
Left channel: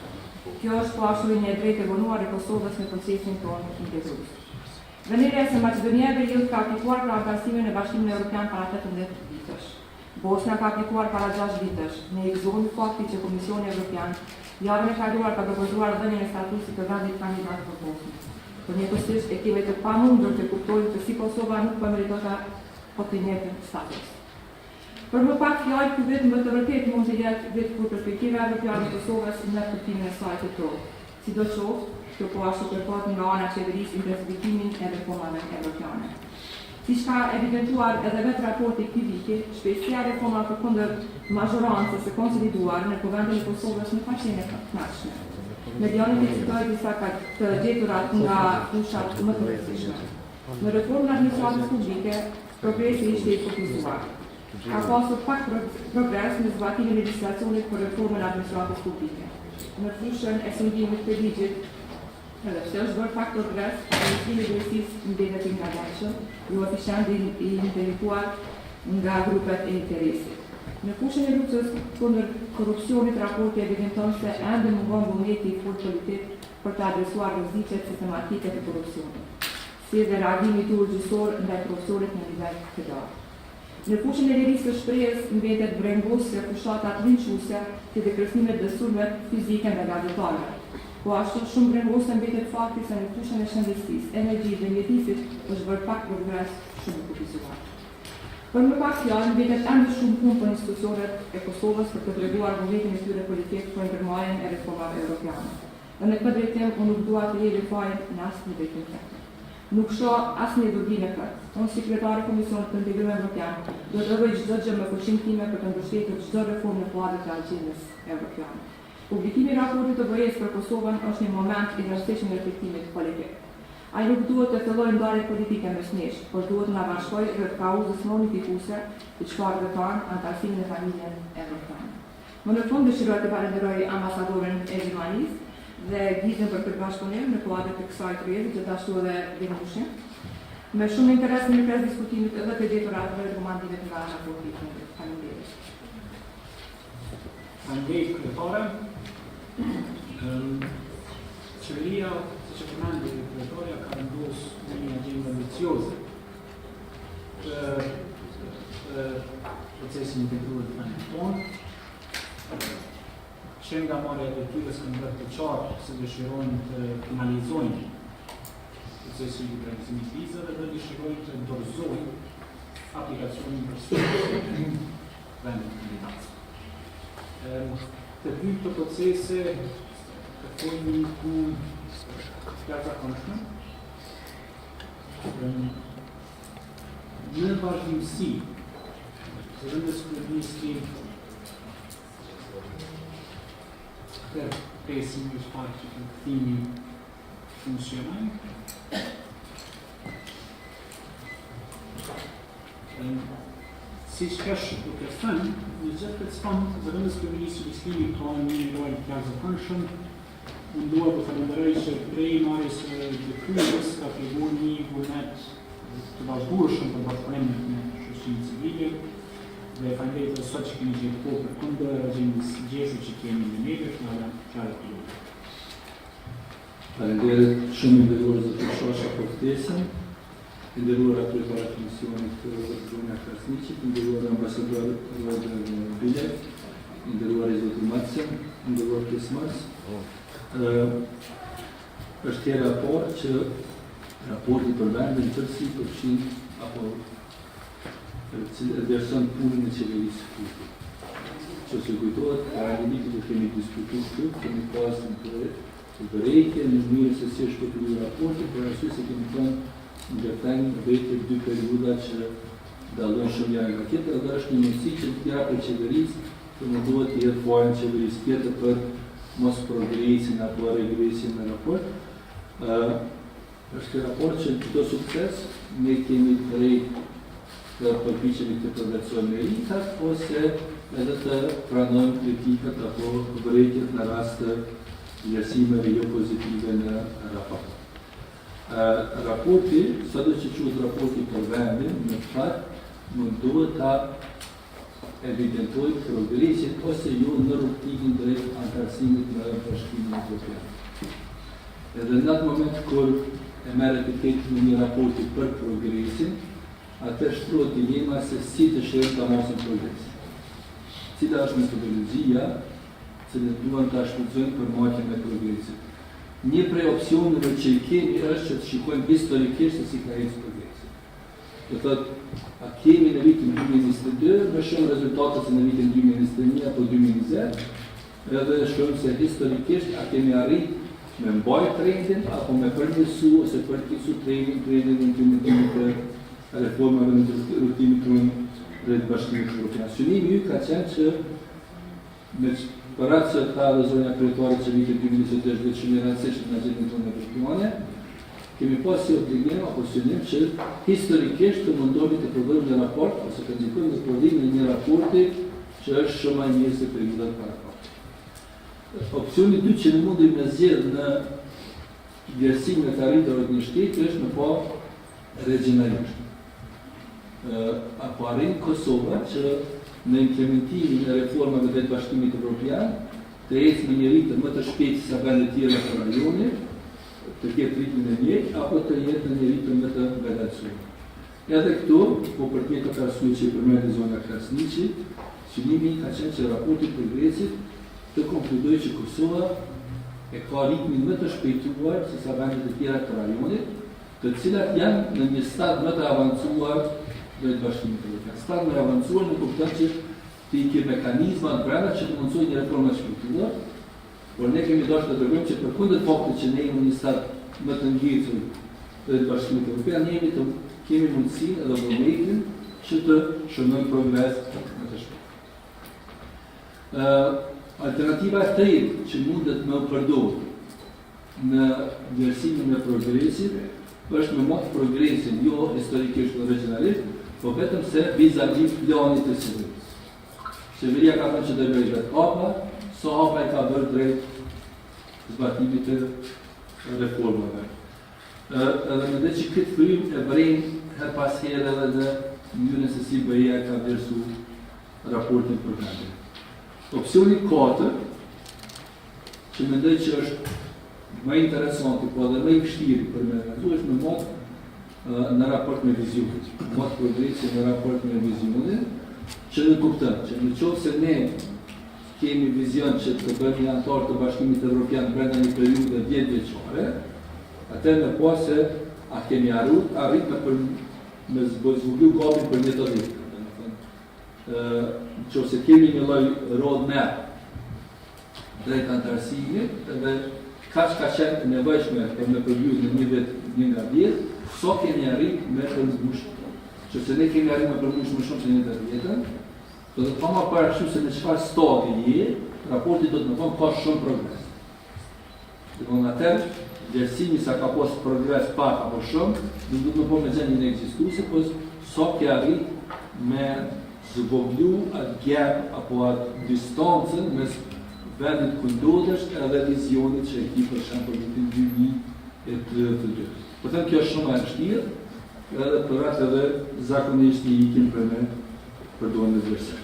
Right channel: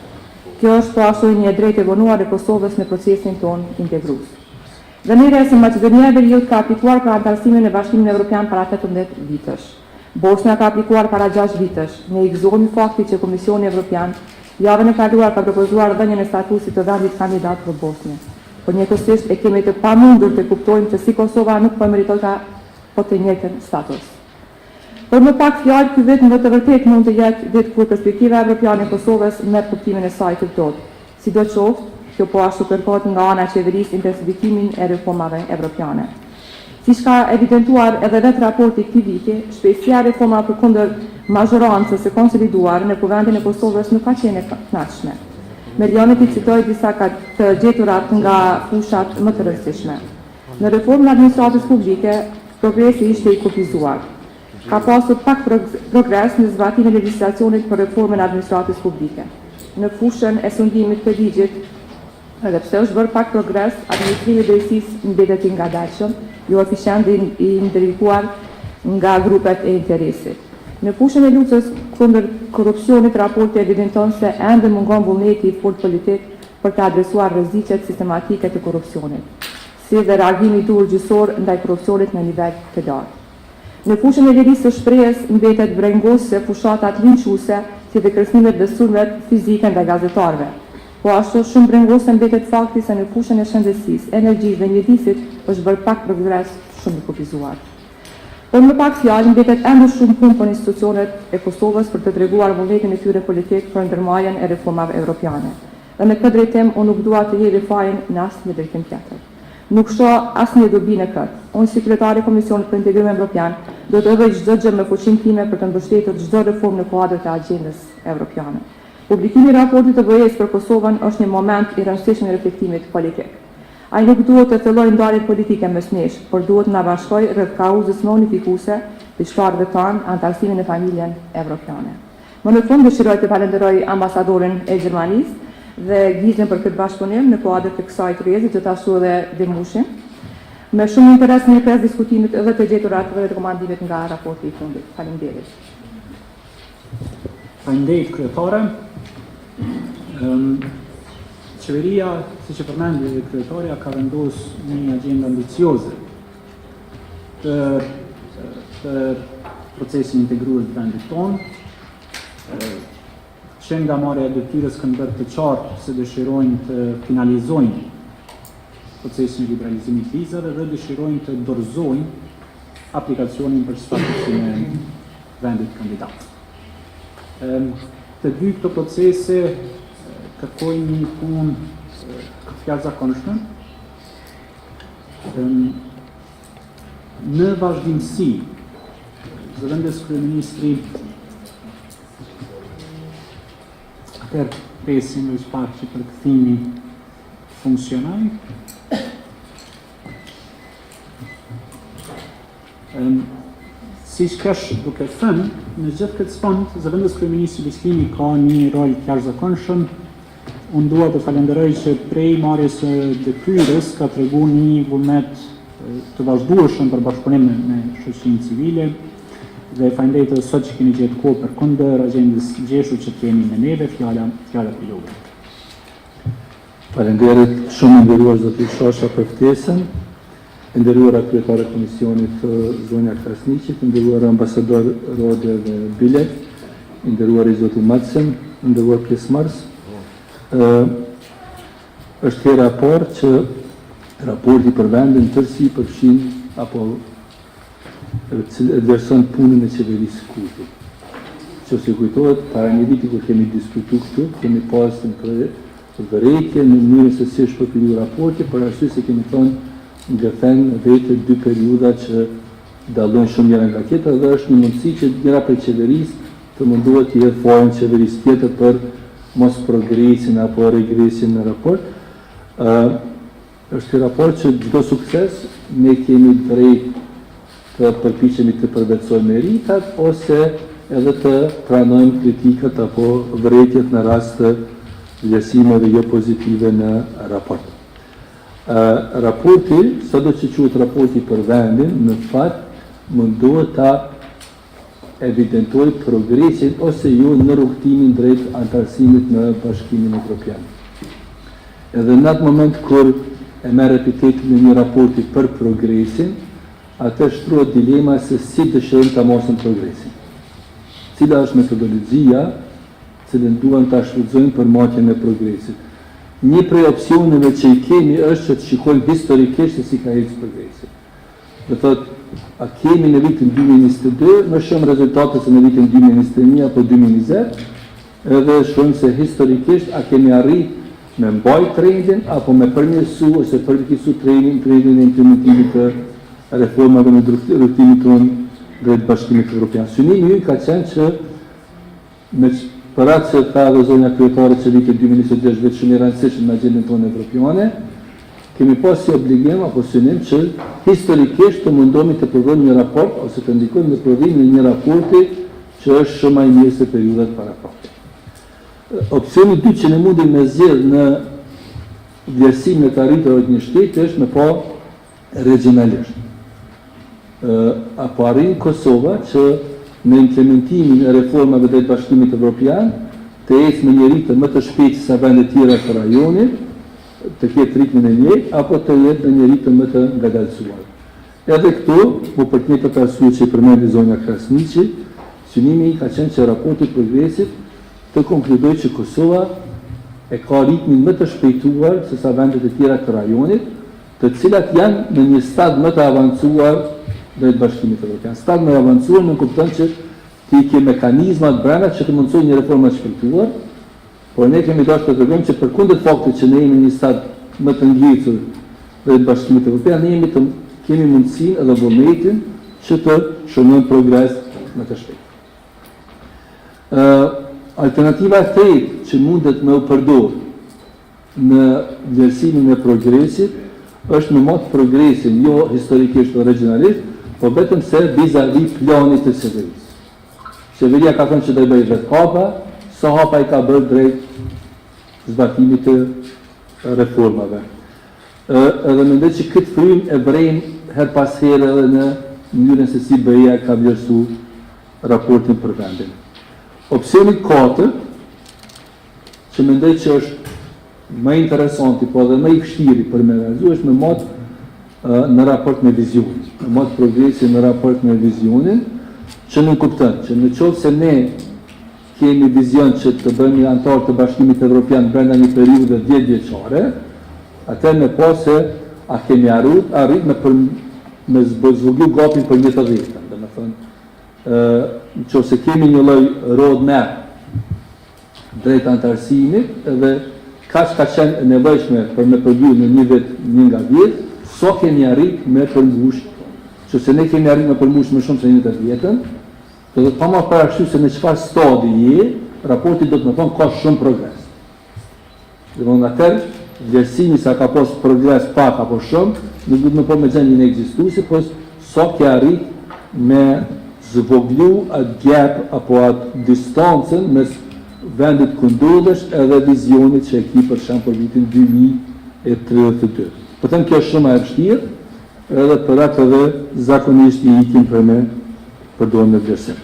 Kjo është po ashtu një drejtë e vonuar e Kosovës në procesin tonë integrues. Dënira se Maqedonia e Veriut ka aplikuar për antarësimin në Bashkimin Evropian para 18 vitesh. Bosnia ka aplikuar para 6 vitesh. Ne i gëzohemi faktit që Komisioni Evropian javën e kaluar ka propozuar dhënien e statusit të vendit kandidat për Bosnjë. Por njëkohësisht e kemi të pamundur të kuptojmë se si Kosova nuk po meriton po të njëjtën status. Për më pak fjalë, ky vit në të vërtetë mund të jetë vit kur perspektiva evropiane e Kosovës merr kuptimin e saj të plotë. Sidoqoftë, kjo po ashtu kërkohet nga ana e qeverisë intensifikimin e reformave evropiane. Siç ka evidentuar edhe vetë raporti i këtij viti, shpejtësia e reformave përkundër mazhorancës së konsoliduar në kuvendin e Kosovës nuk ka qenë e kënaqshme. Milionët i citoj disa të gjeturat nga fushat më të rëndësishme. Në reformën e administratës publike, progresi ishte i kufizuar. Ka pasur pak progres në zbatimin e legjislacionit për reformën e administratës publike. Në fushën e sundimit të ligjit, edhe pse është bërë pak progres, administrimi i drejtësisë mbetet i ngadalshëm, jo efisient i ndërtuar nga grupet e interesit. Në fushën e luftës kundër korrupsionit, raporti evidenton se ende mungon vullneti i fortë politik për të adresuar rreziqet sistematike të korrupsionit, si dhe reagimi i durë gjyqësor ndaj korrupsionit në nivel të lartë. Në fushën e lirisë së shprehjes mbetet brengosë fushatat linçuese, si dhe kërcënimet dhe sulmet fizike ndaj gazetarëve. Po ashtu shumë brengosë mbetet fakti se në fushën e shëndetësisë, energjisë dhe mjedisit është bërë pak progres shumë i kufizuar. Por më pak fjalë mbetet ende shumë punë për institucionet e Kosovës për të treguar vullnetin e tyre politik për ndërmarrjen e reformave evropiane. Dhe në këtë drejtim unë nuk dua të jep fajin në asnjë drejtim tjetër. Nuk shoh asnjë dobi në këtë. Unë si kryetari i Komisionit për Integrim Evropian do të bëj çdo gjë me fuqinë time për të mbështetur çdo reformë në kuadër të Agjendas Evropiane. Publikimi i raportit të BE-s për Kosovën është një moment i rëndësishëm i reflektimit politik. Ai nuk duhet të fillojë ndarje politike mes nesh, por duhet të na bashkojë rreth kauzës më unifikuese të shtatëve tanë, antarësimin në familjen evropiane. Më në fund dëshiroj të falenderoj ambasadorin e Gjermanisë dhe Gizën për këtë bashkëpunim në kuadër të kësaj Tryezit, gjithashtu edhe Demushin. Me shumë interes në pjesë diskutimit edhe të gjeturat dhe rekomandimet nga raporti i fundit. Faleminderit. Faleminderit kryetare. Qeveria, siç e përmendi kryetaria, ka vendosur një agjendë ambicioze për procesin integruar të vendit tonë. Që nga marrja e detyrës kanë bërë të qartë se dëshirojnë të finalizojnë procesin e liberalizimit të vizave dhe dëshirojnë të dorëzojnë aplikacionin për statusin e vendit kandidat. Të dy këto procese kërkojnë një punë të jashtëzakonshme. Në vazhdimsi, zëvendës kryeministri presim në shpaq që përkëthimi funksionaj. Si shkesh duke thënë, në gjithë këtë spond, zëvendës kryeministri Bislimi ka një rol të jashtëzakonshëm. Unë dua të falenderoj që prej marrjes së detyrës ka tregu një vullnet të vazhdueshëm për bashkëpunim me shoqërinë civile dhe falenderoj edhe sot që keni gjetur kohë për kundër agjendës gjeshur që kemi me neve, fjala për ju. Falenderit shumë nderuar zoti Shosha për ftesën, nderuara kryetare e Komisionit Zonja Krasniqi, nderuar ambasador Rode dhe Bilek, nderuar i zoti Madsen, nderuar pjesëmarrës. Është hera e parë që raporti për vendin tërësi përfshin apo vlerëson punën e qeverisë kurti. Që se kujtohet, para një viti kur kemi diskutu këtu, kemi pasur në vërejtje në mënyrën se si është përpilu raporti, për arsye se kemi thënë ndërthen vetë dy periuda që dallojnë shumë njëra nga tjetra dhe është një mundësi që njëra prej qeverisë të mundohet të jetë forën qeverisë tjetër për mos progresin apo regresin në raport. Është një raport që çdo sukses ne kemi drejt të përpiqemi të përvetësojmë meritat ose edhe të pranojmë kritikat apo vërejtjet në rast të vlerësimeve jo pozitive në raport. Raporti, sado që quhet raporti për vendin, në fakt mundohet ta evidentoj progresin ose jo në rrugtimin drejt antarësimit në Bashkimin Evropian. Edhe në atë moment kur e merr etiketin në një raporti për progresin, atë shtrohet dilema se si dëshirojmë ta mosim progresin. Cila është metodologjia cilën duan ta shfrytëzojmë për marrjen e progresit. Një prej opsioneve që i kemi është që të shikojmë historikisht se si ka ecë progresi. Do thotë, a kemi në vitin 2022 më shumë rezultate se në vitin 2021 apo 2020, edhe shohim se historikisht a kemi arrit me mbajt trendin apo me përmirësu ose përmirësu trendin e implementimit të reformave në rrugtimin tonë drejt Bashkimit Evropian. Synimi ka qenë që me për atë që ka dhe zonja kryetare që vitin 2026 vetë shumë i rëndësishëm në agjendën tonë evropiane, kemi pas si obligim apo synim që historikisht të mundohemi të prodhojmë një raport ose të ndikojmë në prodhimin e një raporti që është shumë më i mirë se periudat para raport. Opsioni dytë që ne mundemi me zgjedh në vlerësimin e të arritjeve të një shteti është me pa regionalisht. Apo arrin Kosova që në implementimin e reformave drejt Bashkimit Evropian të ecë me një ritëm më të shpejtë se vendet tjera të rajonit, të ketë ritmin e njëjtë apo të jetë në një ritëm më të ngadalësuar. Edhe këtu, po për të njëjtat arsye që i përmendi zonja Krasniqi, synimi ka qenë që raporti progresit të konkludojë që Kosova e ka ritmin më të shpejtuar se sa vendet e tjera të rajonit, të cilat janë në një stad më të avancuar drejt Bashkimit Evropian. Stad më avancuar në kupton që ti ke mekanizmat brenda që të mundsojnë një reformë të shpejtuar, por ne kemi dashur të tregojmë që përkundër faktit që ne jemi në një stad më të ngjitur drejt Bashkimit Evropian, ne kemi mundësinë edhe vullnetin që të shënojmë progres më të shpejtë. Alternativa e tretë që mundet me u përdorë në vlerësimin e progresit është me mot progresin jo historikisht o regionalisht, po vetëm se vis-a-vis planit të qeverisë. Qeveria ka thënë që do të bëjë vetë hapa, sa hapa i ka bërë drejt zbatimit të reformave. Edhe mendoj që këtë frym e vrejmë her pas here edhe në mënyrën se si BE-ja ka vlerësu raportin për vendin. Opsioni 4, që mendoj që është më interesanti, po edhe më i vështiri për me realizu, është me mot në raport me vizionin. Në mot progresi në raport me vizionin, që në kuptën, që në qovë se ne kemi vizion që të bëjmë një antar të Bashkimit Evropian brenda një periudhë 10 vjeçare, atër me po se a kemi arrit me zvoglu gapin për një të dhjetën. Dhe me thënë, që se kemi një lloj roadmap drejt antarësimit, edhe ka qenë nevojshme për me përgju në një vet një nga 10, so kemi arrit me përmbush, që se ne kemi arrit me përmbush më shumë se një të vjetën, do të pama parasysh se në çfarë stadi je, raporti do të më thonë ka shumë progres. Dhe më në atër, vlerësimi sa ka pas progres pak apo shumë, nuk do të më po me gjendjen e ekzistuese, po so ke arrit me zvoglu atë gap apo atë distancën mes vendit ku ndodhesh edhe vizionit që e ki për shemb për vitin 2032. Po them kjo është shumë e vështirë, edhe për atë edhe zakonisht i ikim për me përdojnë në vlerësim.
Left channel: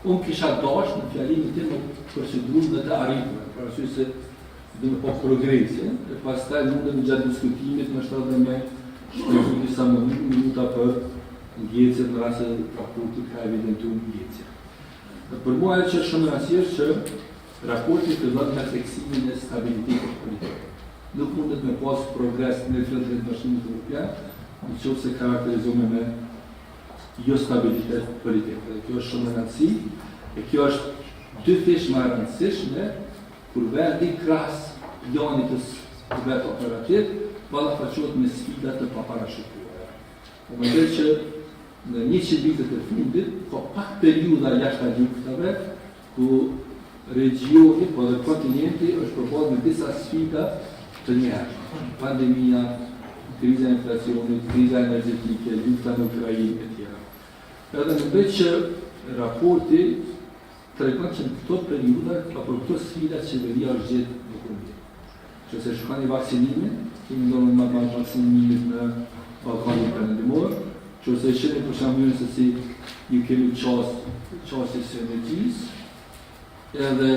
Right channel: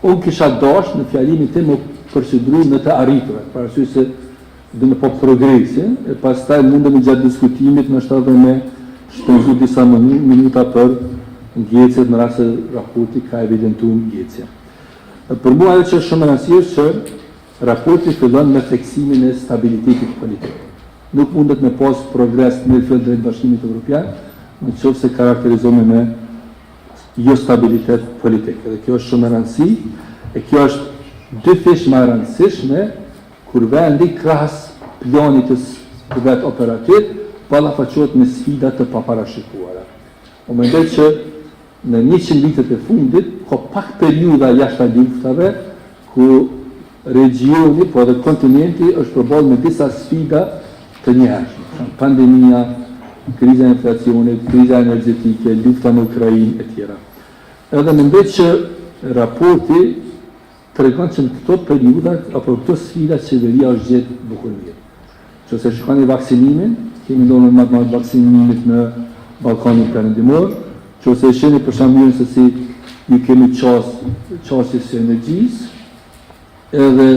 Unë kisha dash në fjalimin tim më përsidru në të arritura, për arsye se dhe në po progresin, e pastaj mundemi gjatë diskutimit në shtatë me shpenzu disa minuta për ngecet në rrasë raporti ka evidentu ngecja. Për mua edhe që është shumë rëndësishme që raporti fillon me theksimin e stabilitetit politik. nuk mundet me pas progres në fillë drejt Bashkimit Evropian, në qoftë se karakterizohemi me jo stabilitet politik. Dhe kjo është shumë e rëndësi, e kjo është dy fish më e rëndësishme kur vendi krahas planit të vet operativ ballafaqohet me sfida të paparashikuara. Unë mendoj që në 100 vitet e fundit ka pak periudha jashtë luftave ku regioni, po dhe kontinenti është përballë me disa sfida të njerëzshme. Pandemia, kriza e inflacionit, kriza energjetike, lufta në Ukrainë e tjera. Edhe mendoj që raporti tregon që në këto periudha apo këto sfida qeveria është gjetë bukur mirë. Nëse shikoni vaksinimin, kemi ndonë më vaksinimit në Ballkanin Perëndimor, nëse shihni për shembull se si ju kemi qasjes së energjisë, edhe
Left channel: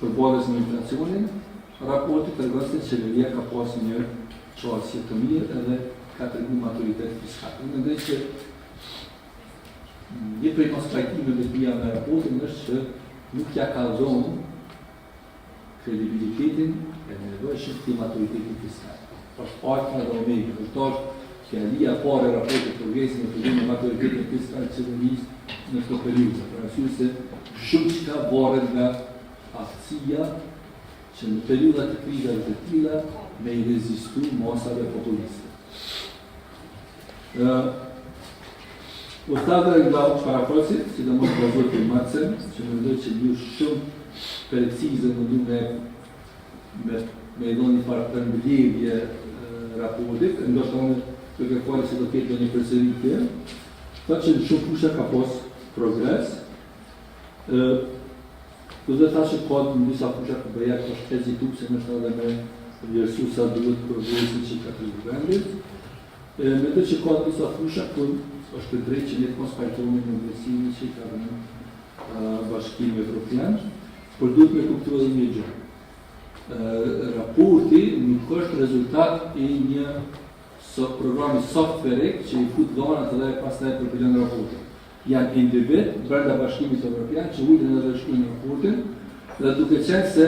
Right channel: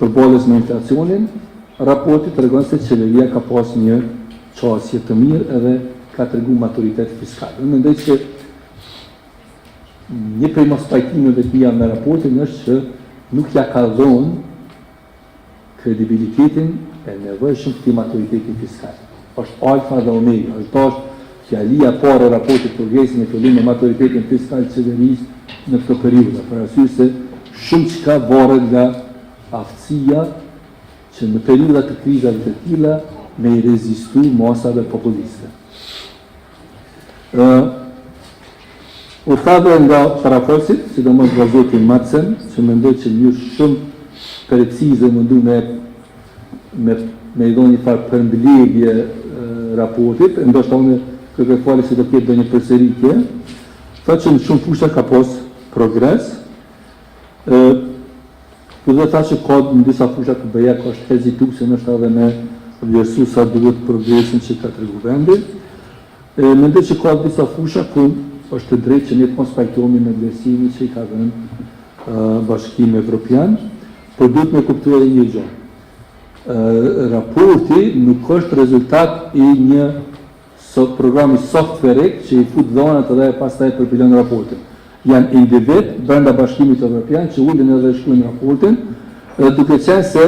përballës me inflacionin, raporti tregon se qeveria ka pas një qasje të mirë edhe ka treguar maturitet fiskal. Unë mendoj që një prej mos pajtimeve të mia me raportin është që nuk ja ka dhënë kredibilitetin e nevojshëm të maturitetit fiskal. Është alfa dhe omega. Kjo është fjalia parë e raportit progresin e fillim me maturitetin fiskal të qeverisë në këtë periudhë. Për arsye se shumë çka varet nga aftësia që në periudha të krizave të tilla me i rezistu masave populiste. U thave nga parafosit, sidomos vazhdotin Matsen, që mendoj që një shumë precize mundu me i do një farë përmbledhje raportit, ndoshta unë kërkoj falje se do të ketë një përsëritje, tha që në shumë fusha ka pas progres, ku dhe tha që ka në disa fusha të bëja ka është hezitu, se nështë edhe me vlerësu sa duhet progresin që ka tregu vendit. Mendoj që ka disa fusha ku është të drejtë që ne të konspektohemi në vlerësimin që i ka dhënë Bashkimi Evropian, por duhet me kuptuar një gjë. Raporti nuk është rezultat i një programi software që i fut dhonat edhe pastaj përpilen raportin. Janë individ brenda Bashkimit Evropian që ulin edhe shkruajnë raportin, edhe duke qenë se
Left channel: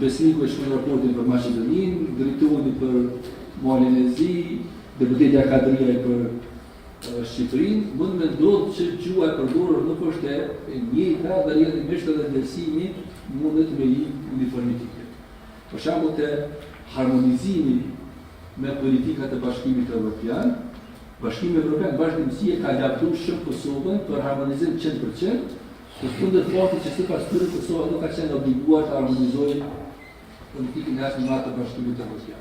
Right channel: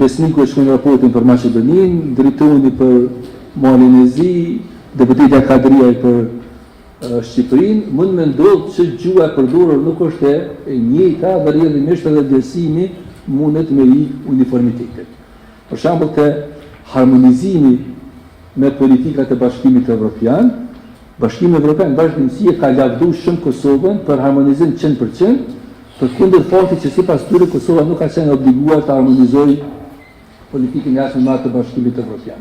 besniku e shkruajnë raportin për Maqedoninë, drejtori për Malin e Zi, deputetja Kadriaj për Shqipërinë, mund me ndodhë që gjua e përdorur nuk është e njëjta dhe rrjedhimisht edhe vlerësimi mundet me i uniformitetit. Për shembull të harmonizimi me politikat e Bashkimit Evropian, Bashkimi Evropian vazhdimësi ka lavdu shumë Kosovën për harmonizim 100%, për kundër faktit që sipas tyre Kosova nuk ka qenë obliguar të harmonizojë politikën jashtme me atë të Bashkimit Evropian.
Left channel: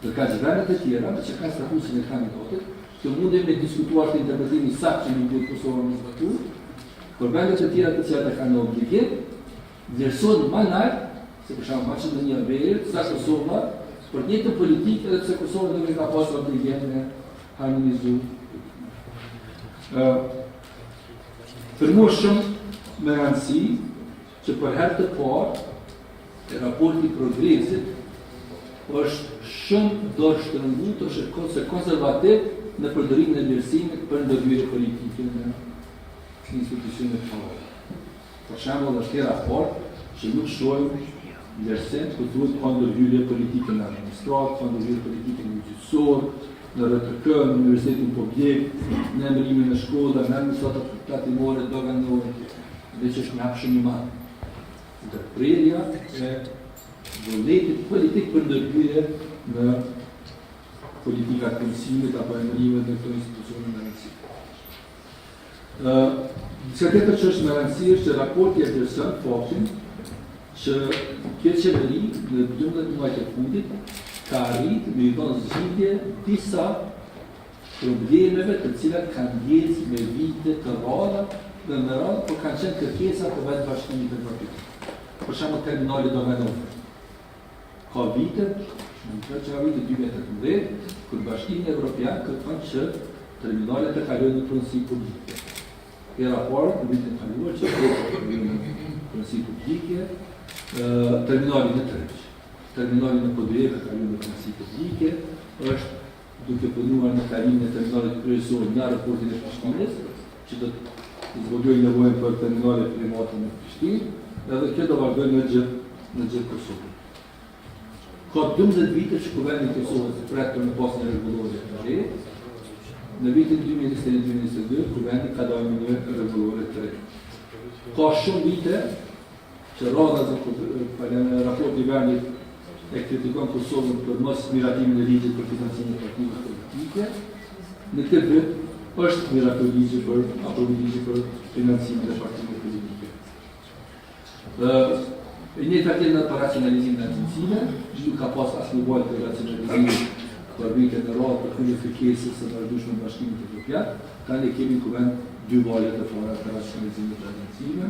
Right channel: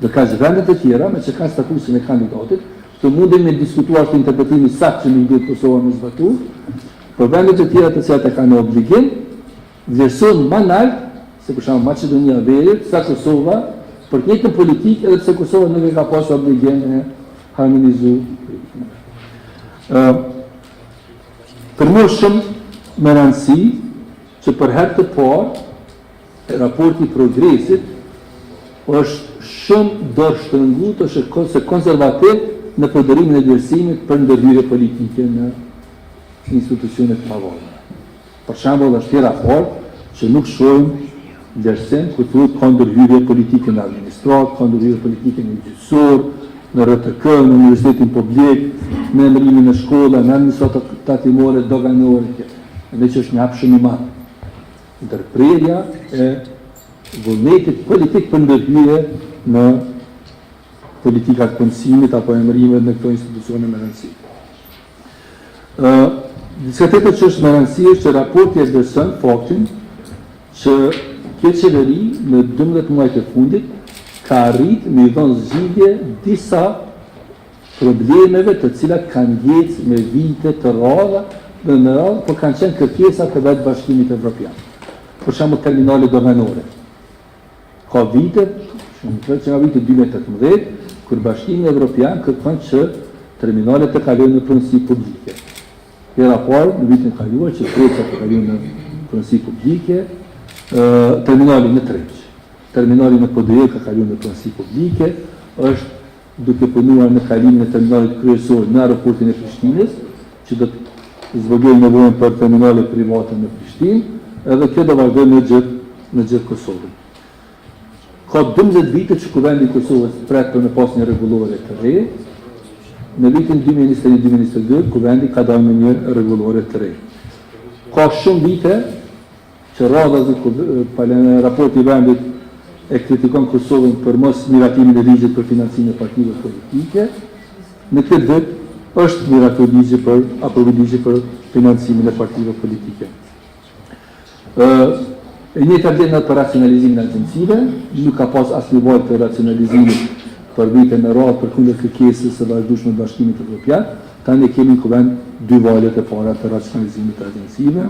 Dhe ka vendet e tjera, me që ka statusin e kandidatit, të mundin me diskutuar të interpretimi saktë që nuk duhet Kosova me zbatu, për vendet e tjera të cilat e kanë obligim, vlerësohen më lart, se për shembull Maqedonia e Veriut, sa Kosova, për të njëjtën politikë edhe pse Kosova nuk e ka pasur obligim në harmonizu. Për mua shumë me rëndësi që për herë të parë raporti i progresit është shumë dorështrënguar ose konservativ në përdorimin e vlerësimit për ndërhyrje politike në institucionet pavarur. Për shembull, është tjera fort që nuk shohim vlerësim ku thuhet ka ndërhyrje politike në administratë, ka ndërhyrje politike në gjyqësor, në RTK, në universitetin publik, në emërimin e shkolla, në administratat tatimore, doganore, dhe që është një hap shumë i madh. Ndërprerja e vullnetit politik për ndërhyrje në politikat punësimit apo emërimet në këto institucione me rëndësi. Diska tjetër që është me rëndësi është që raporti e vlerëson faktin që kjo qeveri në 12 muajt e fundit ka arrit me i dhënë zgjidhje disa problemeve të cilat kanë ecë me vite të rralla dhe në radhë, por kanë qenë kërkesa të vetë Bashkimit Evropian. Për shembull terminale doganore. Ka vite, që nga vitë 2018, kur Bashkimi Evropian kërkon që terminalet të kalojnë në punësi publike. Hera parë, në vitin kaluar, që kërkon të kalojnë në punësi publike, terminali në Treq. Terminali në Poduje ka kalojnë në punësi publike, është duke punuar në kalimin e terminalit kryesor në aeroportin e Prishtinës, që do të zvogëlojë nevojën për terminale private në Prishtinë, edhe kjo do vazhdojë në gjithë Kosovën. Ka 12 vite që Kuvendi i Kosovës pret për në pas një rregullore të re, në vitin 2021-2022 Kuvendi ka dalë me një rregullore të re. Ka shumë vite që radha dhe raporti i vendit e kritikon Kosovën për mos miratimin e ligjit për financimin e partive politike. Në këtë vit është miratur ligji për financimin e partive politike. E njëjta agenda për racionalizimin e agjencive, nuk ka pas asnjë valë të racionalizimit për vite në radhë për kundër kërkesës së vazhdueshme të Bashkimit Evropian. Tani kemi në Kuvend dy valët e para të racionalizimit të agjencive.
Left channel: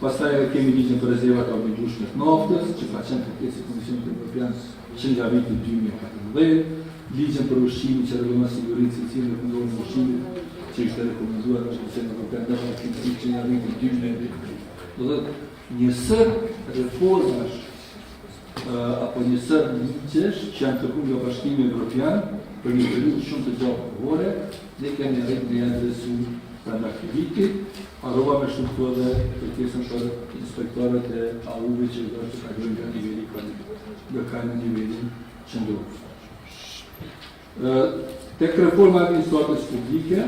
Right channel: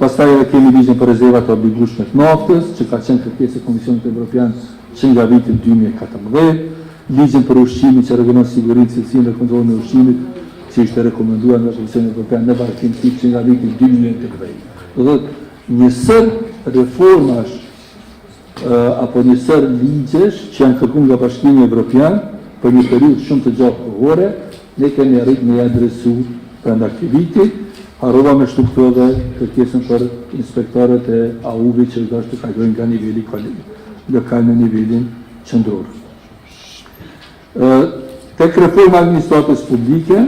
Pastaj kemi ligjin për rezervat e obligueshme të naftës, që ka qenë kërkesë e Komisionit Evropian që nga viti 2014, ligjin për ushqimin që rregullon sigurinë, cilësinë dhe kontrollin e ushqimit, që ishte rekomenduar nga Komisionit Evropian në Bashkimin që nga viti 2013. Do thotë njësër reformash apo njësër ligjesh që janë kërkuar nga Bashkimi Evropian për një periudhë shumë të gjatë kohore, ne kemi arritur në adresu brenda këtij viti, harrova me shtu dhe kërkesën për inspektorët e AU-vit që do të kalojnë nga niveli lokal në nivelin qendror. Tek reforma e administratës publike,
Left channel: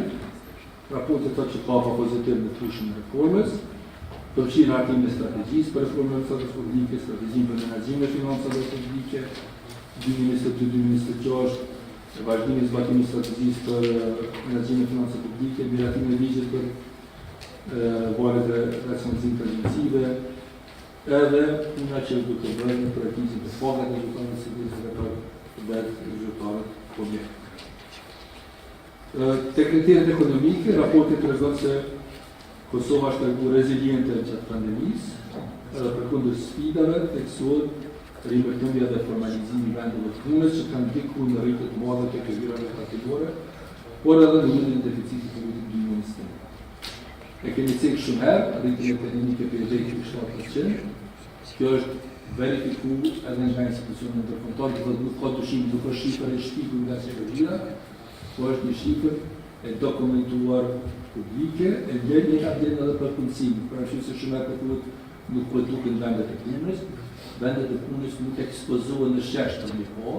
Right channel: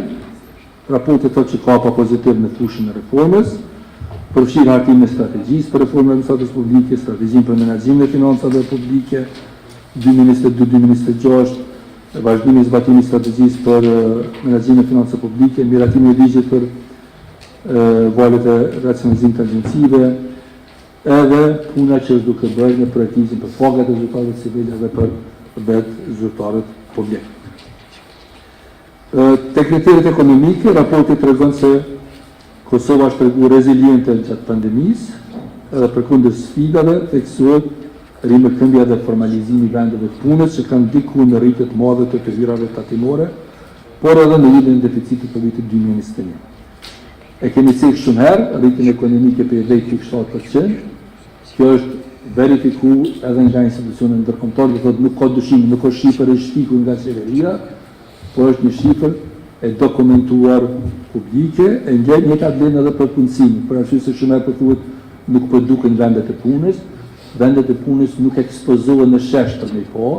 raporti thotë që ka pa pozitiv në fushën e reformës, përfshirë hartimin e strategjisë për reformën e administratës publike, strategjinë për menaxhimin e financave publike 2022-2026, vazhdimi i zbatimit të strategjisë për menaxhimin e financave publike, miratimin e ligjit për valët e racionalizimit të agjencive, edhe puna që është duke bërë në projektimin për pagat e zyrtarëve civile dhe për zyrtarët publik. Tek kriteret ekonomike, raporti tregon se Kosova është treguar reziliente gjatë pandemisë, edhe përkundër sfidave theksohet rimërkëmbja dhe formalizimi i vendeve të punës që kanë ndikuar në rritje të madhe të këmbërave tatimore, por edhe në nivelin e deficitit të vitit 2021. E kemi thënë shumë herë, rritjen ekonomike për 10.7%. Kjo është verifikuar edhe nga institucionet ndërkombëtare, do thotë nuk ka dyshim, nuk është shifër e shtikur nga qeveria, por është një shifër e dokumentuar publike, e njëta vlen edhe për punësimin, për arsye se shumë herë thuhet nuk produken vendet e punës, vendet e punës nuk ekspozohen në shesh të mëko,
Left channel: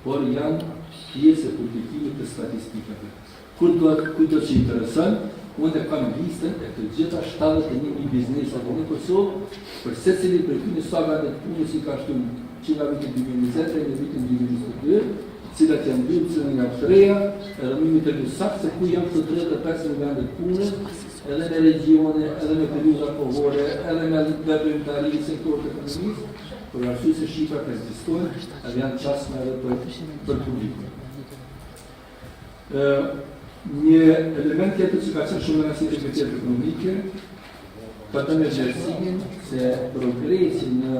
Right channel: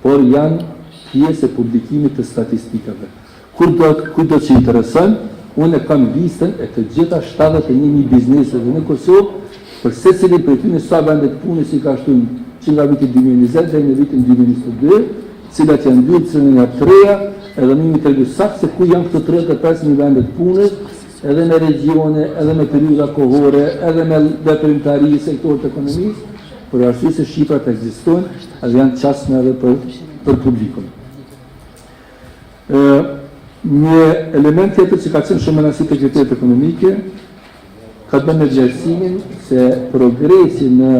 por janë pjesë e publikimit të statistikave. Kur do të intereson, unë kam listën e të gjitha 71 bizneseve në Kosovë, për secilin prej tyre sa vende të punës i ka shtuar që nga viti 2020 deri në vitin 2022, cilat janë ndërtuar nga treja, edhe më të tregoj saktë se ku janë këto 35 vende të punës, edhe në regione, edhe në periudha kohore, edhe në veprimtari sektorit të ekonomisë, për arsye se shifrat ekzistojnë, edhe janë çastme edhe për publikun. Një element tjetër që ka qenë shumë rëndësishëm te kriteret ekonomike ka të bëjë me vlerësimin se progresi në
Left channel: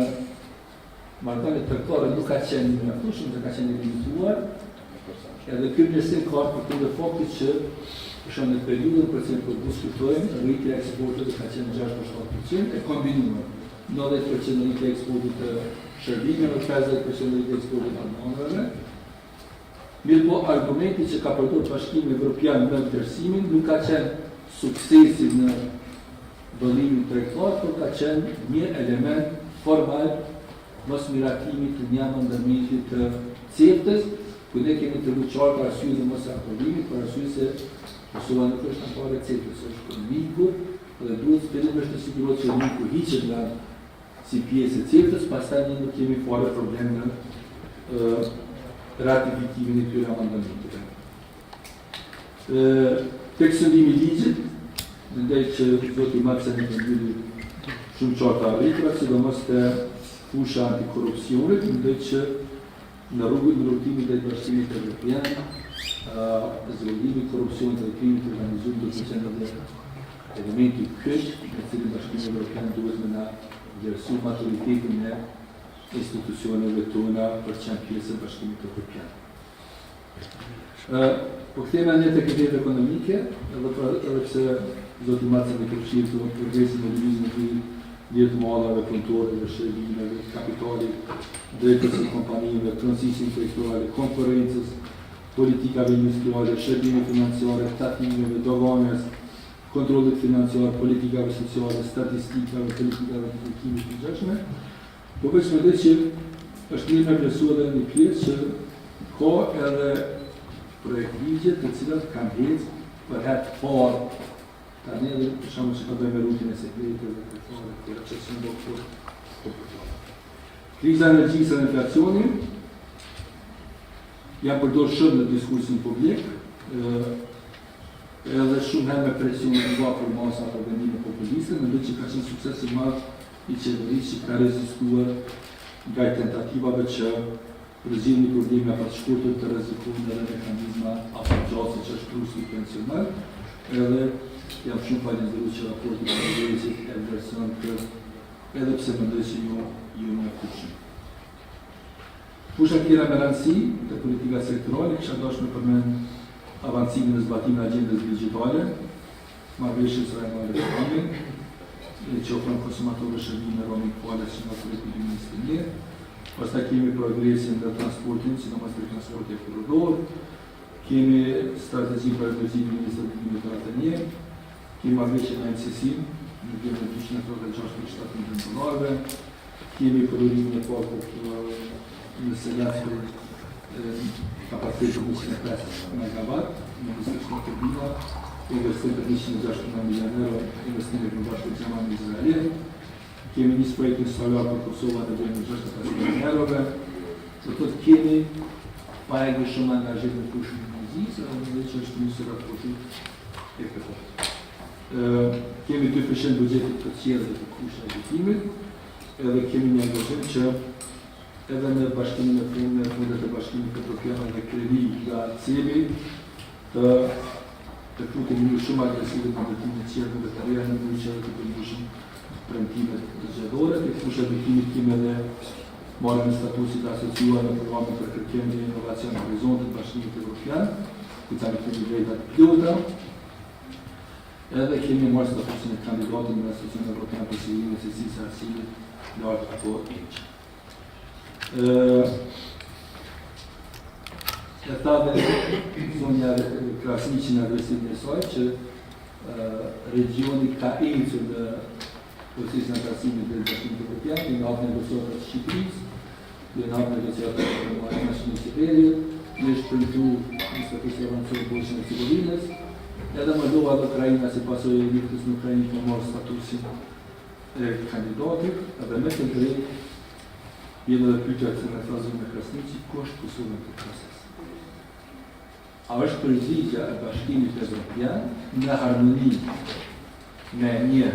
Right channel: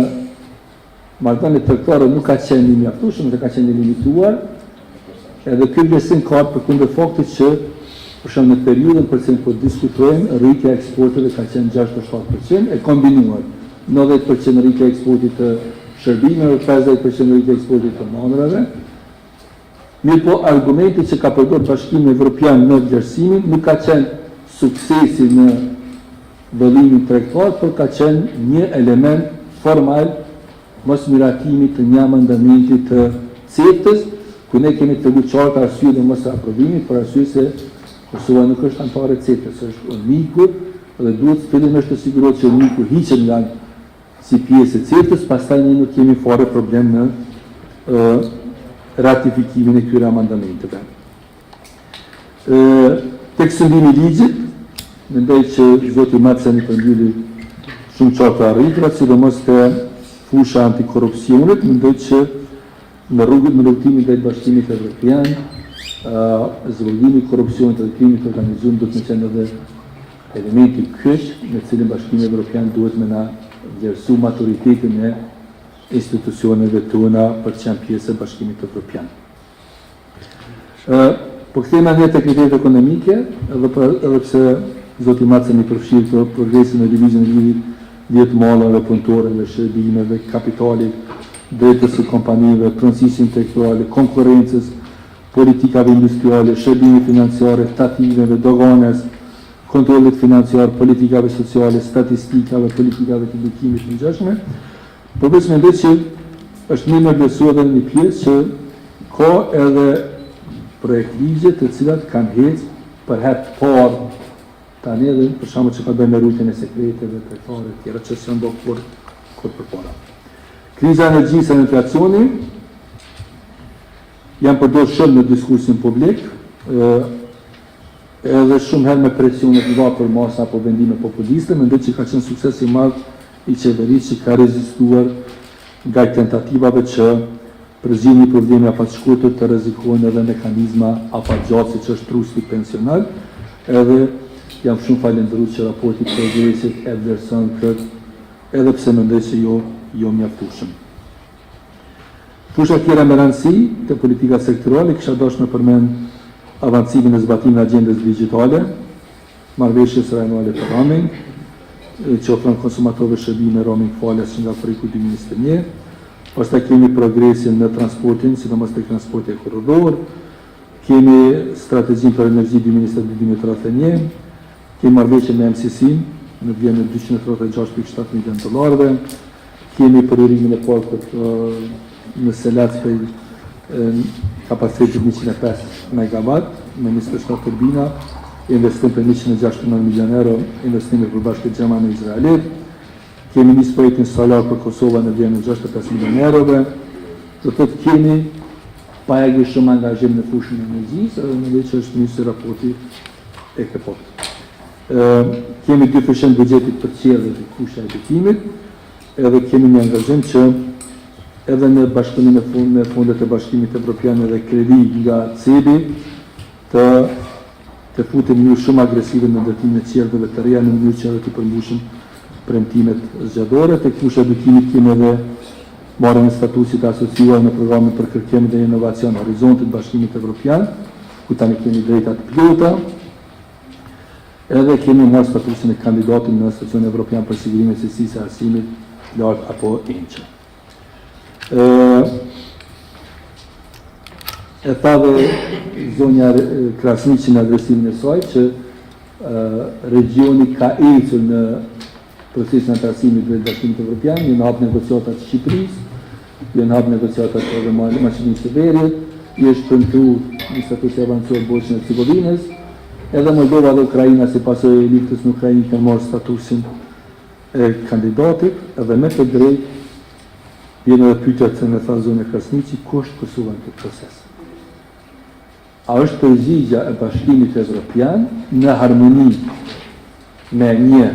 marrëdhëniet tregtare nuk ka qenë i mjaftueshëm, dhe ka qenë i limituar, edhe ky vlerësim ka përkundër faktit që për shembull në periudhën për cilën po diskutojmë, rritja e eksporteve ka qenë 6.7%, e kombinuar 90% rritja e eksportit të shërbimeve, 50% rritja e eksportit të mandrave. Mirë po, argumenti që ka përdorur Bashkimi Evropian në vlerësimin nuk ka qenë suksesi në vëllimin tregtar, por ka qenë një element formal mos miratimi të një amendamenti të CEFTA-s, ku ne kemi të qartë arsye dhe mos aprovimit, për arsye se Kosova nuk është anëtare e CEFTA-s, është miku dhe duhet fillimisht të sigurohet që miku hiqet nga si pjesë e CEFTA-s, pastaj ne nuk kemi fare problem në ratifikimin e këtyre amendamenteve. Tek shëndimi i ligjit, mendoj që zoti Maceni përmbylli shumë qartë arritrat, sidomos te fusha antikorrupsionit, mendoj që në rrugtimin drejt Bashkimit Evropian, zhvillimi i korrupsionit dhe krimit të organizuar duhet të qenë edhe elementi kyç me cilin Bashkimi Evropian duhet me na vlerësu maturitetin e institucioneve tona për që janë pjesë e Bashkimit Evropian. Po kthehemi ne tek kriteret ekonomike, edhe pse zoti Maceni përfshir këto progresin e lëvizjes vjetë mallave punëtore dhe shërbimeve, kapitalit, drejtës së kompanive, pronësisë intelektuale, konkurrencës, politikave industriale, shërbimeve financiare, tatimeve, doganës, kontrollit financiar, politikave sociale, statistikave, politikave të ndikimit të ngjashme. Por besoj që është një me besu edhe një pjesë që ka edhe projekt ligje të cilat kanë hecë për herë parë tani edhe për shkakun që ka bënë me rrugën e sekreteve të fare të tjera që s'janë bërë kur përpara. Kriza e energjisë dhe inflacioni janë përdorur shumë në diskursin publik, edhe shumë herë me presione privat për masa apo vendime populiste, mendoj që ka qenë sukses i madh i qeverisë që ka rezistuar nga tentativave që përzgjidhni probleme afatshkurtër të rrezikojnë edhe mekanizma afatgjatë që është trusti pensional, edhe jam shumë falendërues që raporti i progresit e vlerëson këtë, edhe pse mendoj se jo mjaftueshëm. Fusha tjera me rëndësi të politika sektorale, kisha dashur me përmend avancimin e zbatimit të agjendës digjitale, marrëveshjes rajonale të roaming, që ofron konsumatorëve shërbime roaming falas nga projekti 2021. Pastaj kemi progresin në transportin, sidomos tek transporti korridor, kemi strategjinë për energji 2021, kemi marrëveshjen me MCC-n në vlerën e 236.7 milion dollarëve, kemi përhurimin e parë në Selat për kapacitetin 105 MW me 27 turbina, investim për 169 milion euro, investime për bashkët Gjermani e Izraelit. Kemi një projektin solar për Kosova në vlerën e 65 milion eurove. Do të thotë kemi pajagë shumë angazhim në fushën e energjisë, edhe mendoj që është nisur raporti e këtij. Kemi 2% buxhetit për qelën e fusha e hetimit, edhe kemi një angazhim që edhe në bashkimin e fundet e Bashkimit Evropiane dhe kredi nga CEBI të futem një shumë agresive në ndërtimin e qelëve të reja në mënyrë që edhe të përmbushim premtimet zgjadore. Tek fusha e edukimit kemi edhe marrjen e statusit asociuar në programin për kërkim dhe inovacion Horizontit të Bashkimit Evropian, ku tani kemi drejta të plota. Edhe kemi marrë statusin e kandidatit në Asociacionin Evropian për Sigurimin e Cilësisë së Arsimit lart apo ENQE. E tha dhe zonja Krasniqi në adresimin e saj që regioni ka ecur në procesin e arsimit dhe Bashkimit Evropian, në hap negociatat të Shqipërisë, në hap negociatat të Maqedonisë së Veriut, i është premtuar një status i avancuar Bosnjës së Hercegovinës, edhe Moldova dhe Ukraina si pasojë e luftës në Ukrainë kanë marrë statusin e kandidatit, edhe me të drejtë vjen edhe pyetja që më tha zonja Krasniqi, ku është Kosova në këtë proces? A është përgjigjja e Bashkimit Evropian në harmoni me një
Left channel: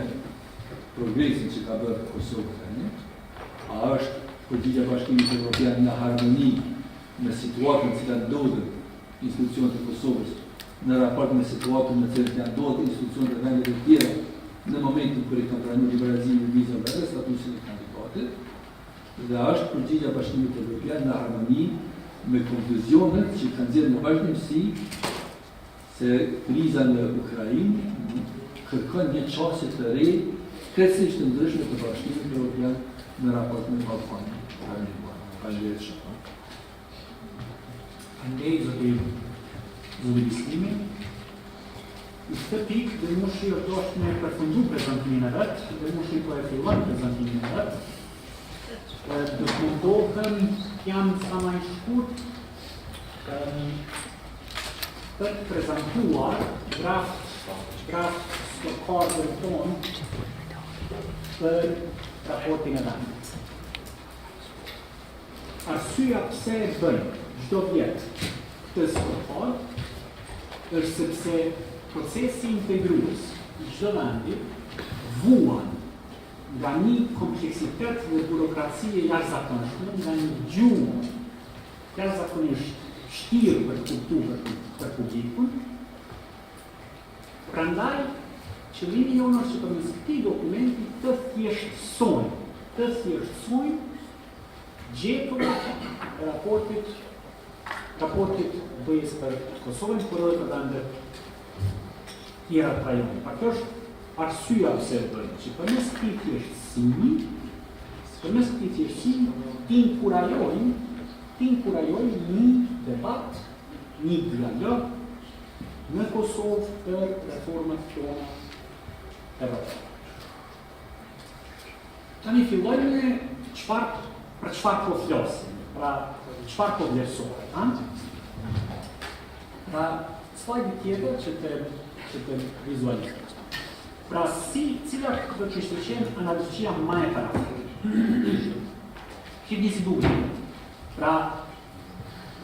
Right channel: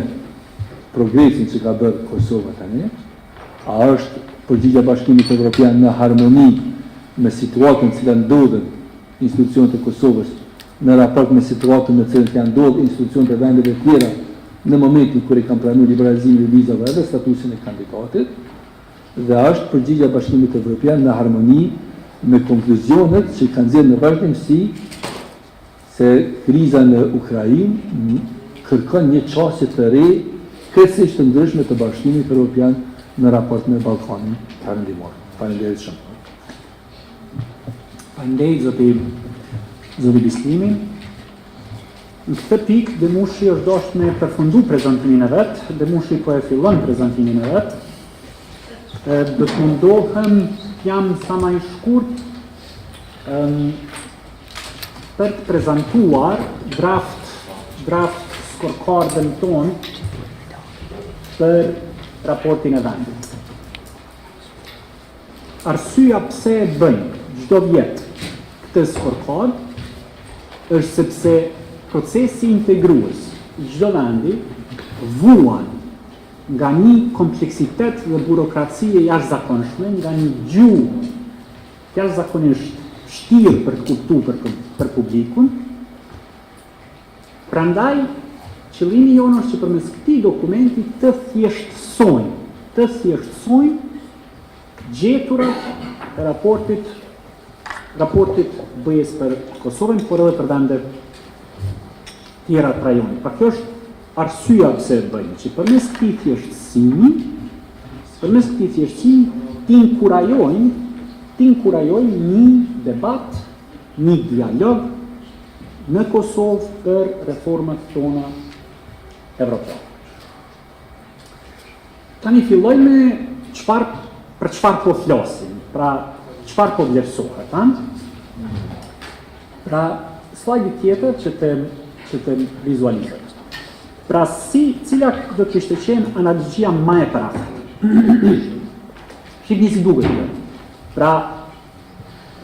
progresin që ka bërë Kosova tani? A është përgjigjja e Bashkimit Evropian në harmoni me situatën në cilën ndodhen institucionet e Kosovës në raport me situatën në cilën janë ndodhur institucionet e vendeve të tjera në momentin kur i kanë pranuar liberalizimin e vizave dhe statusin e kandidatit? Dhe është përgjigjja e Bashkimit Evropian në harmoni me konkluzionet që kanë nxjerrë në vazhdimsi se kriza në Ukrainë kërkon një çështje të re krejtësisht të ndryshme të Bashkimit Evropian në raport me Ballkanin Perëndimor. Faleminderit shumë. Andej zoti Bislimi. Në këtë pikë Demushi është dashur me përfundu prezantimin e vet, Demushi po e fillon prezantimin e vet. Do të mundohem jam sa më i shkurt për të prezentuar draft scorecardën tonë për raportin e vendit. Arsyeja pse e bëjmë çdo vit këtë scorecard është sepse procesi integrues i çdo vendi vuan nga një kompleksitet dhe burokracie jashtëzakonshme, nga një gjuhë jashtëzakonisht vështirë për të kuptuar për publikun. Prandaj, qëllimi jonë është që përmes këtij dokumenti të thjeshtësojmë gjeturat e raportit bëjes për Kosovën, por edhe për vendet tjera të rajonit. Pra kjo është arsyeja pse e bëjmë, që përmes këtij thjeshtësimi t'inkurajojmë një debat, një dialog në Kosovë për reformat tona evropiane. Tani filloj me çfarë për çfarë po flasim, pra çfarë po vlerësohet, ha? Pra, slajdi tjetër që të vizualizoj. Pra, cilat do të ishte qenë analogjia më e praktike? Shihni si duket. Pra,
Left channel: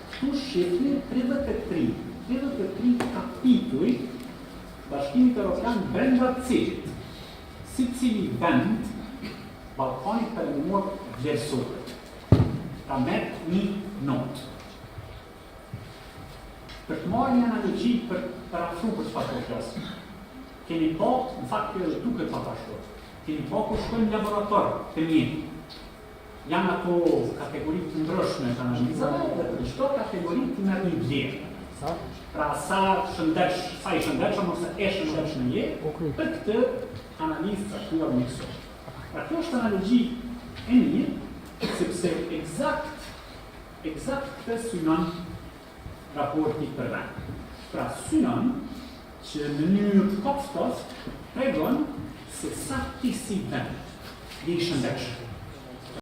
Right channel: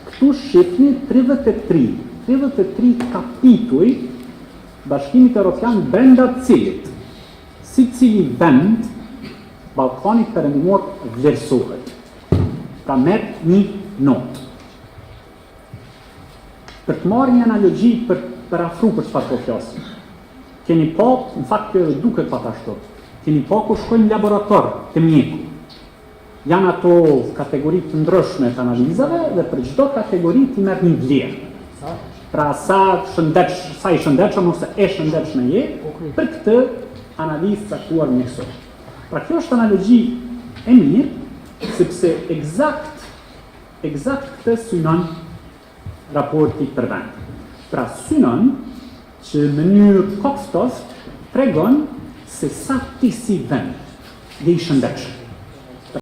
këtu shihni 33 kapituj Bashkimit Evropian brenda cilit cili vend Ballkanit Perëndimor vlerësohet. Pra merr një notë. Për të marrë një analogji për afru për çfarë po flasim. Keni pa, në fakt kjo edhe duket pa ashtu. Keni pa ku shkojnë në laborator të mjekut. Janë ato kategori të ndryshme të analizave dhe për çdo kategori ti merr një vlerë. Pra sa i shëndetshëm ose e shëndetshme je për këtë analizë caktuar mjekësore. Pra kjo është analogji e mirë, sepse eksakt këtë synon raporti për vend. Pra synon që në mënyrë kopshtoft tregon se sa ti si vend je i shëndetshëm.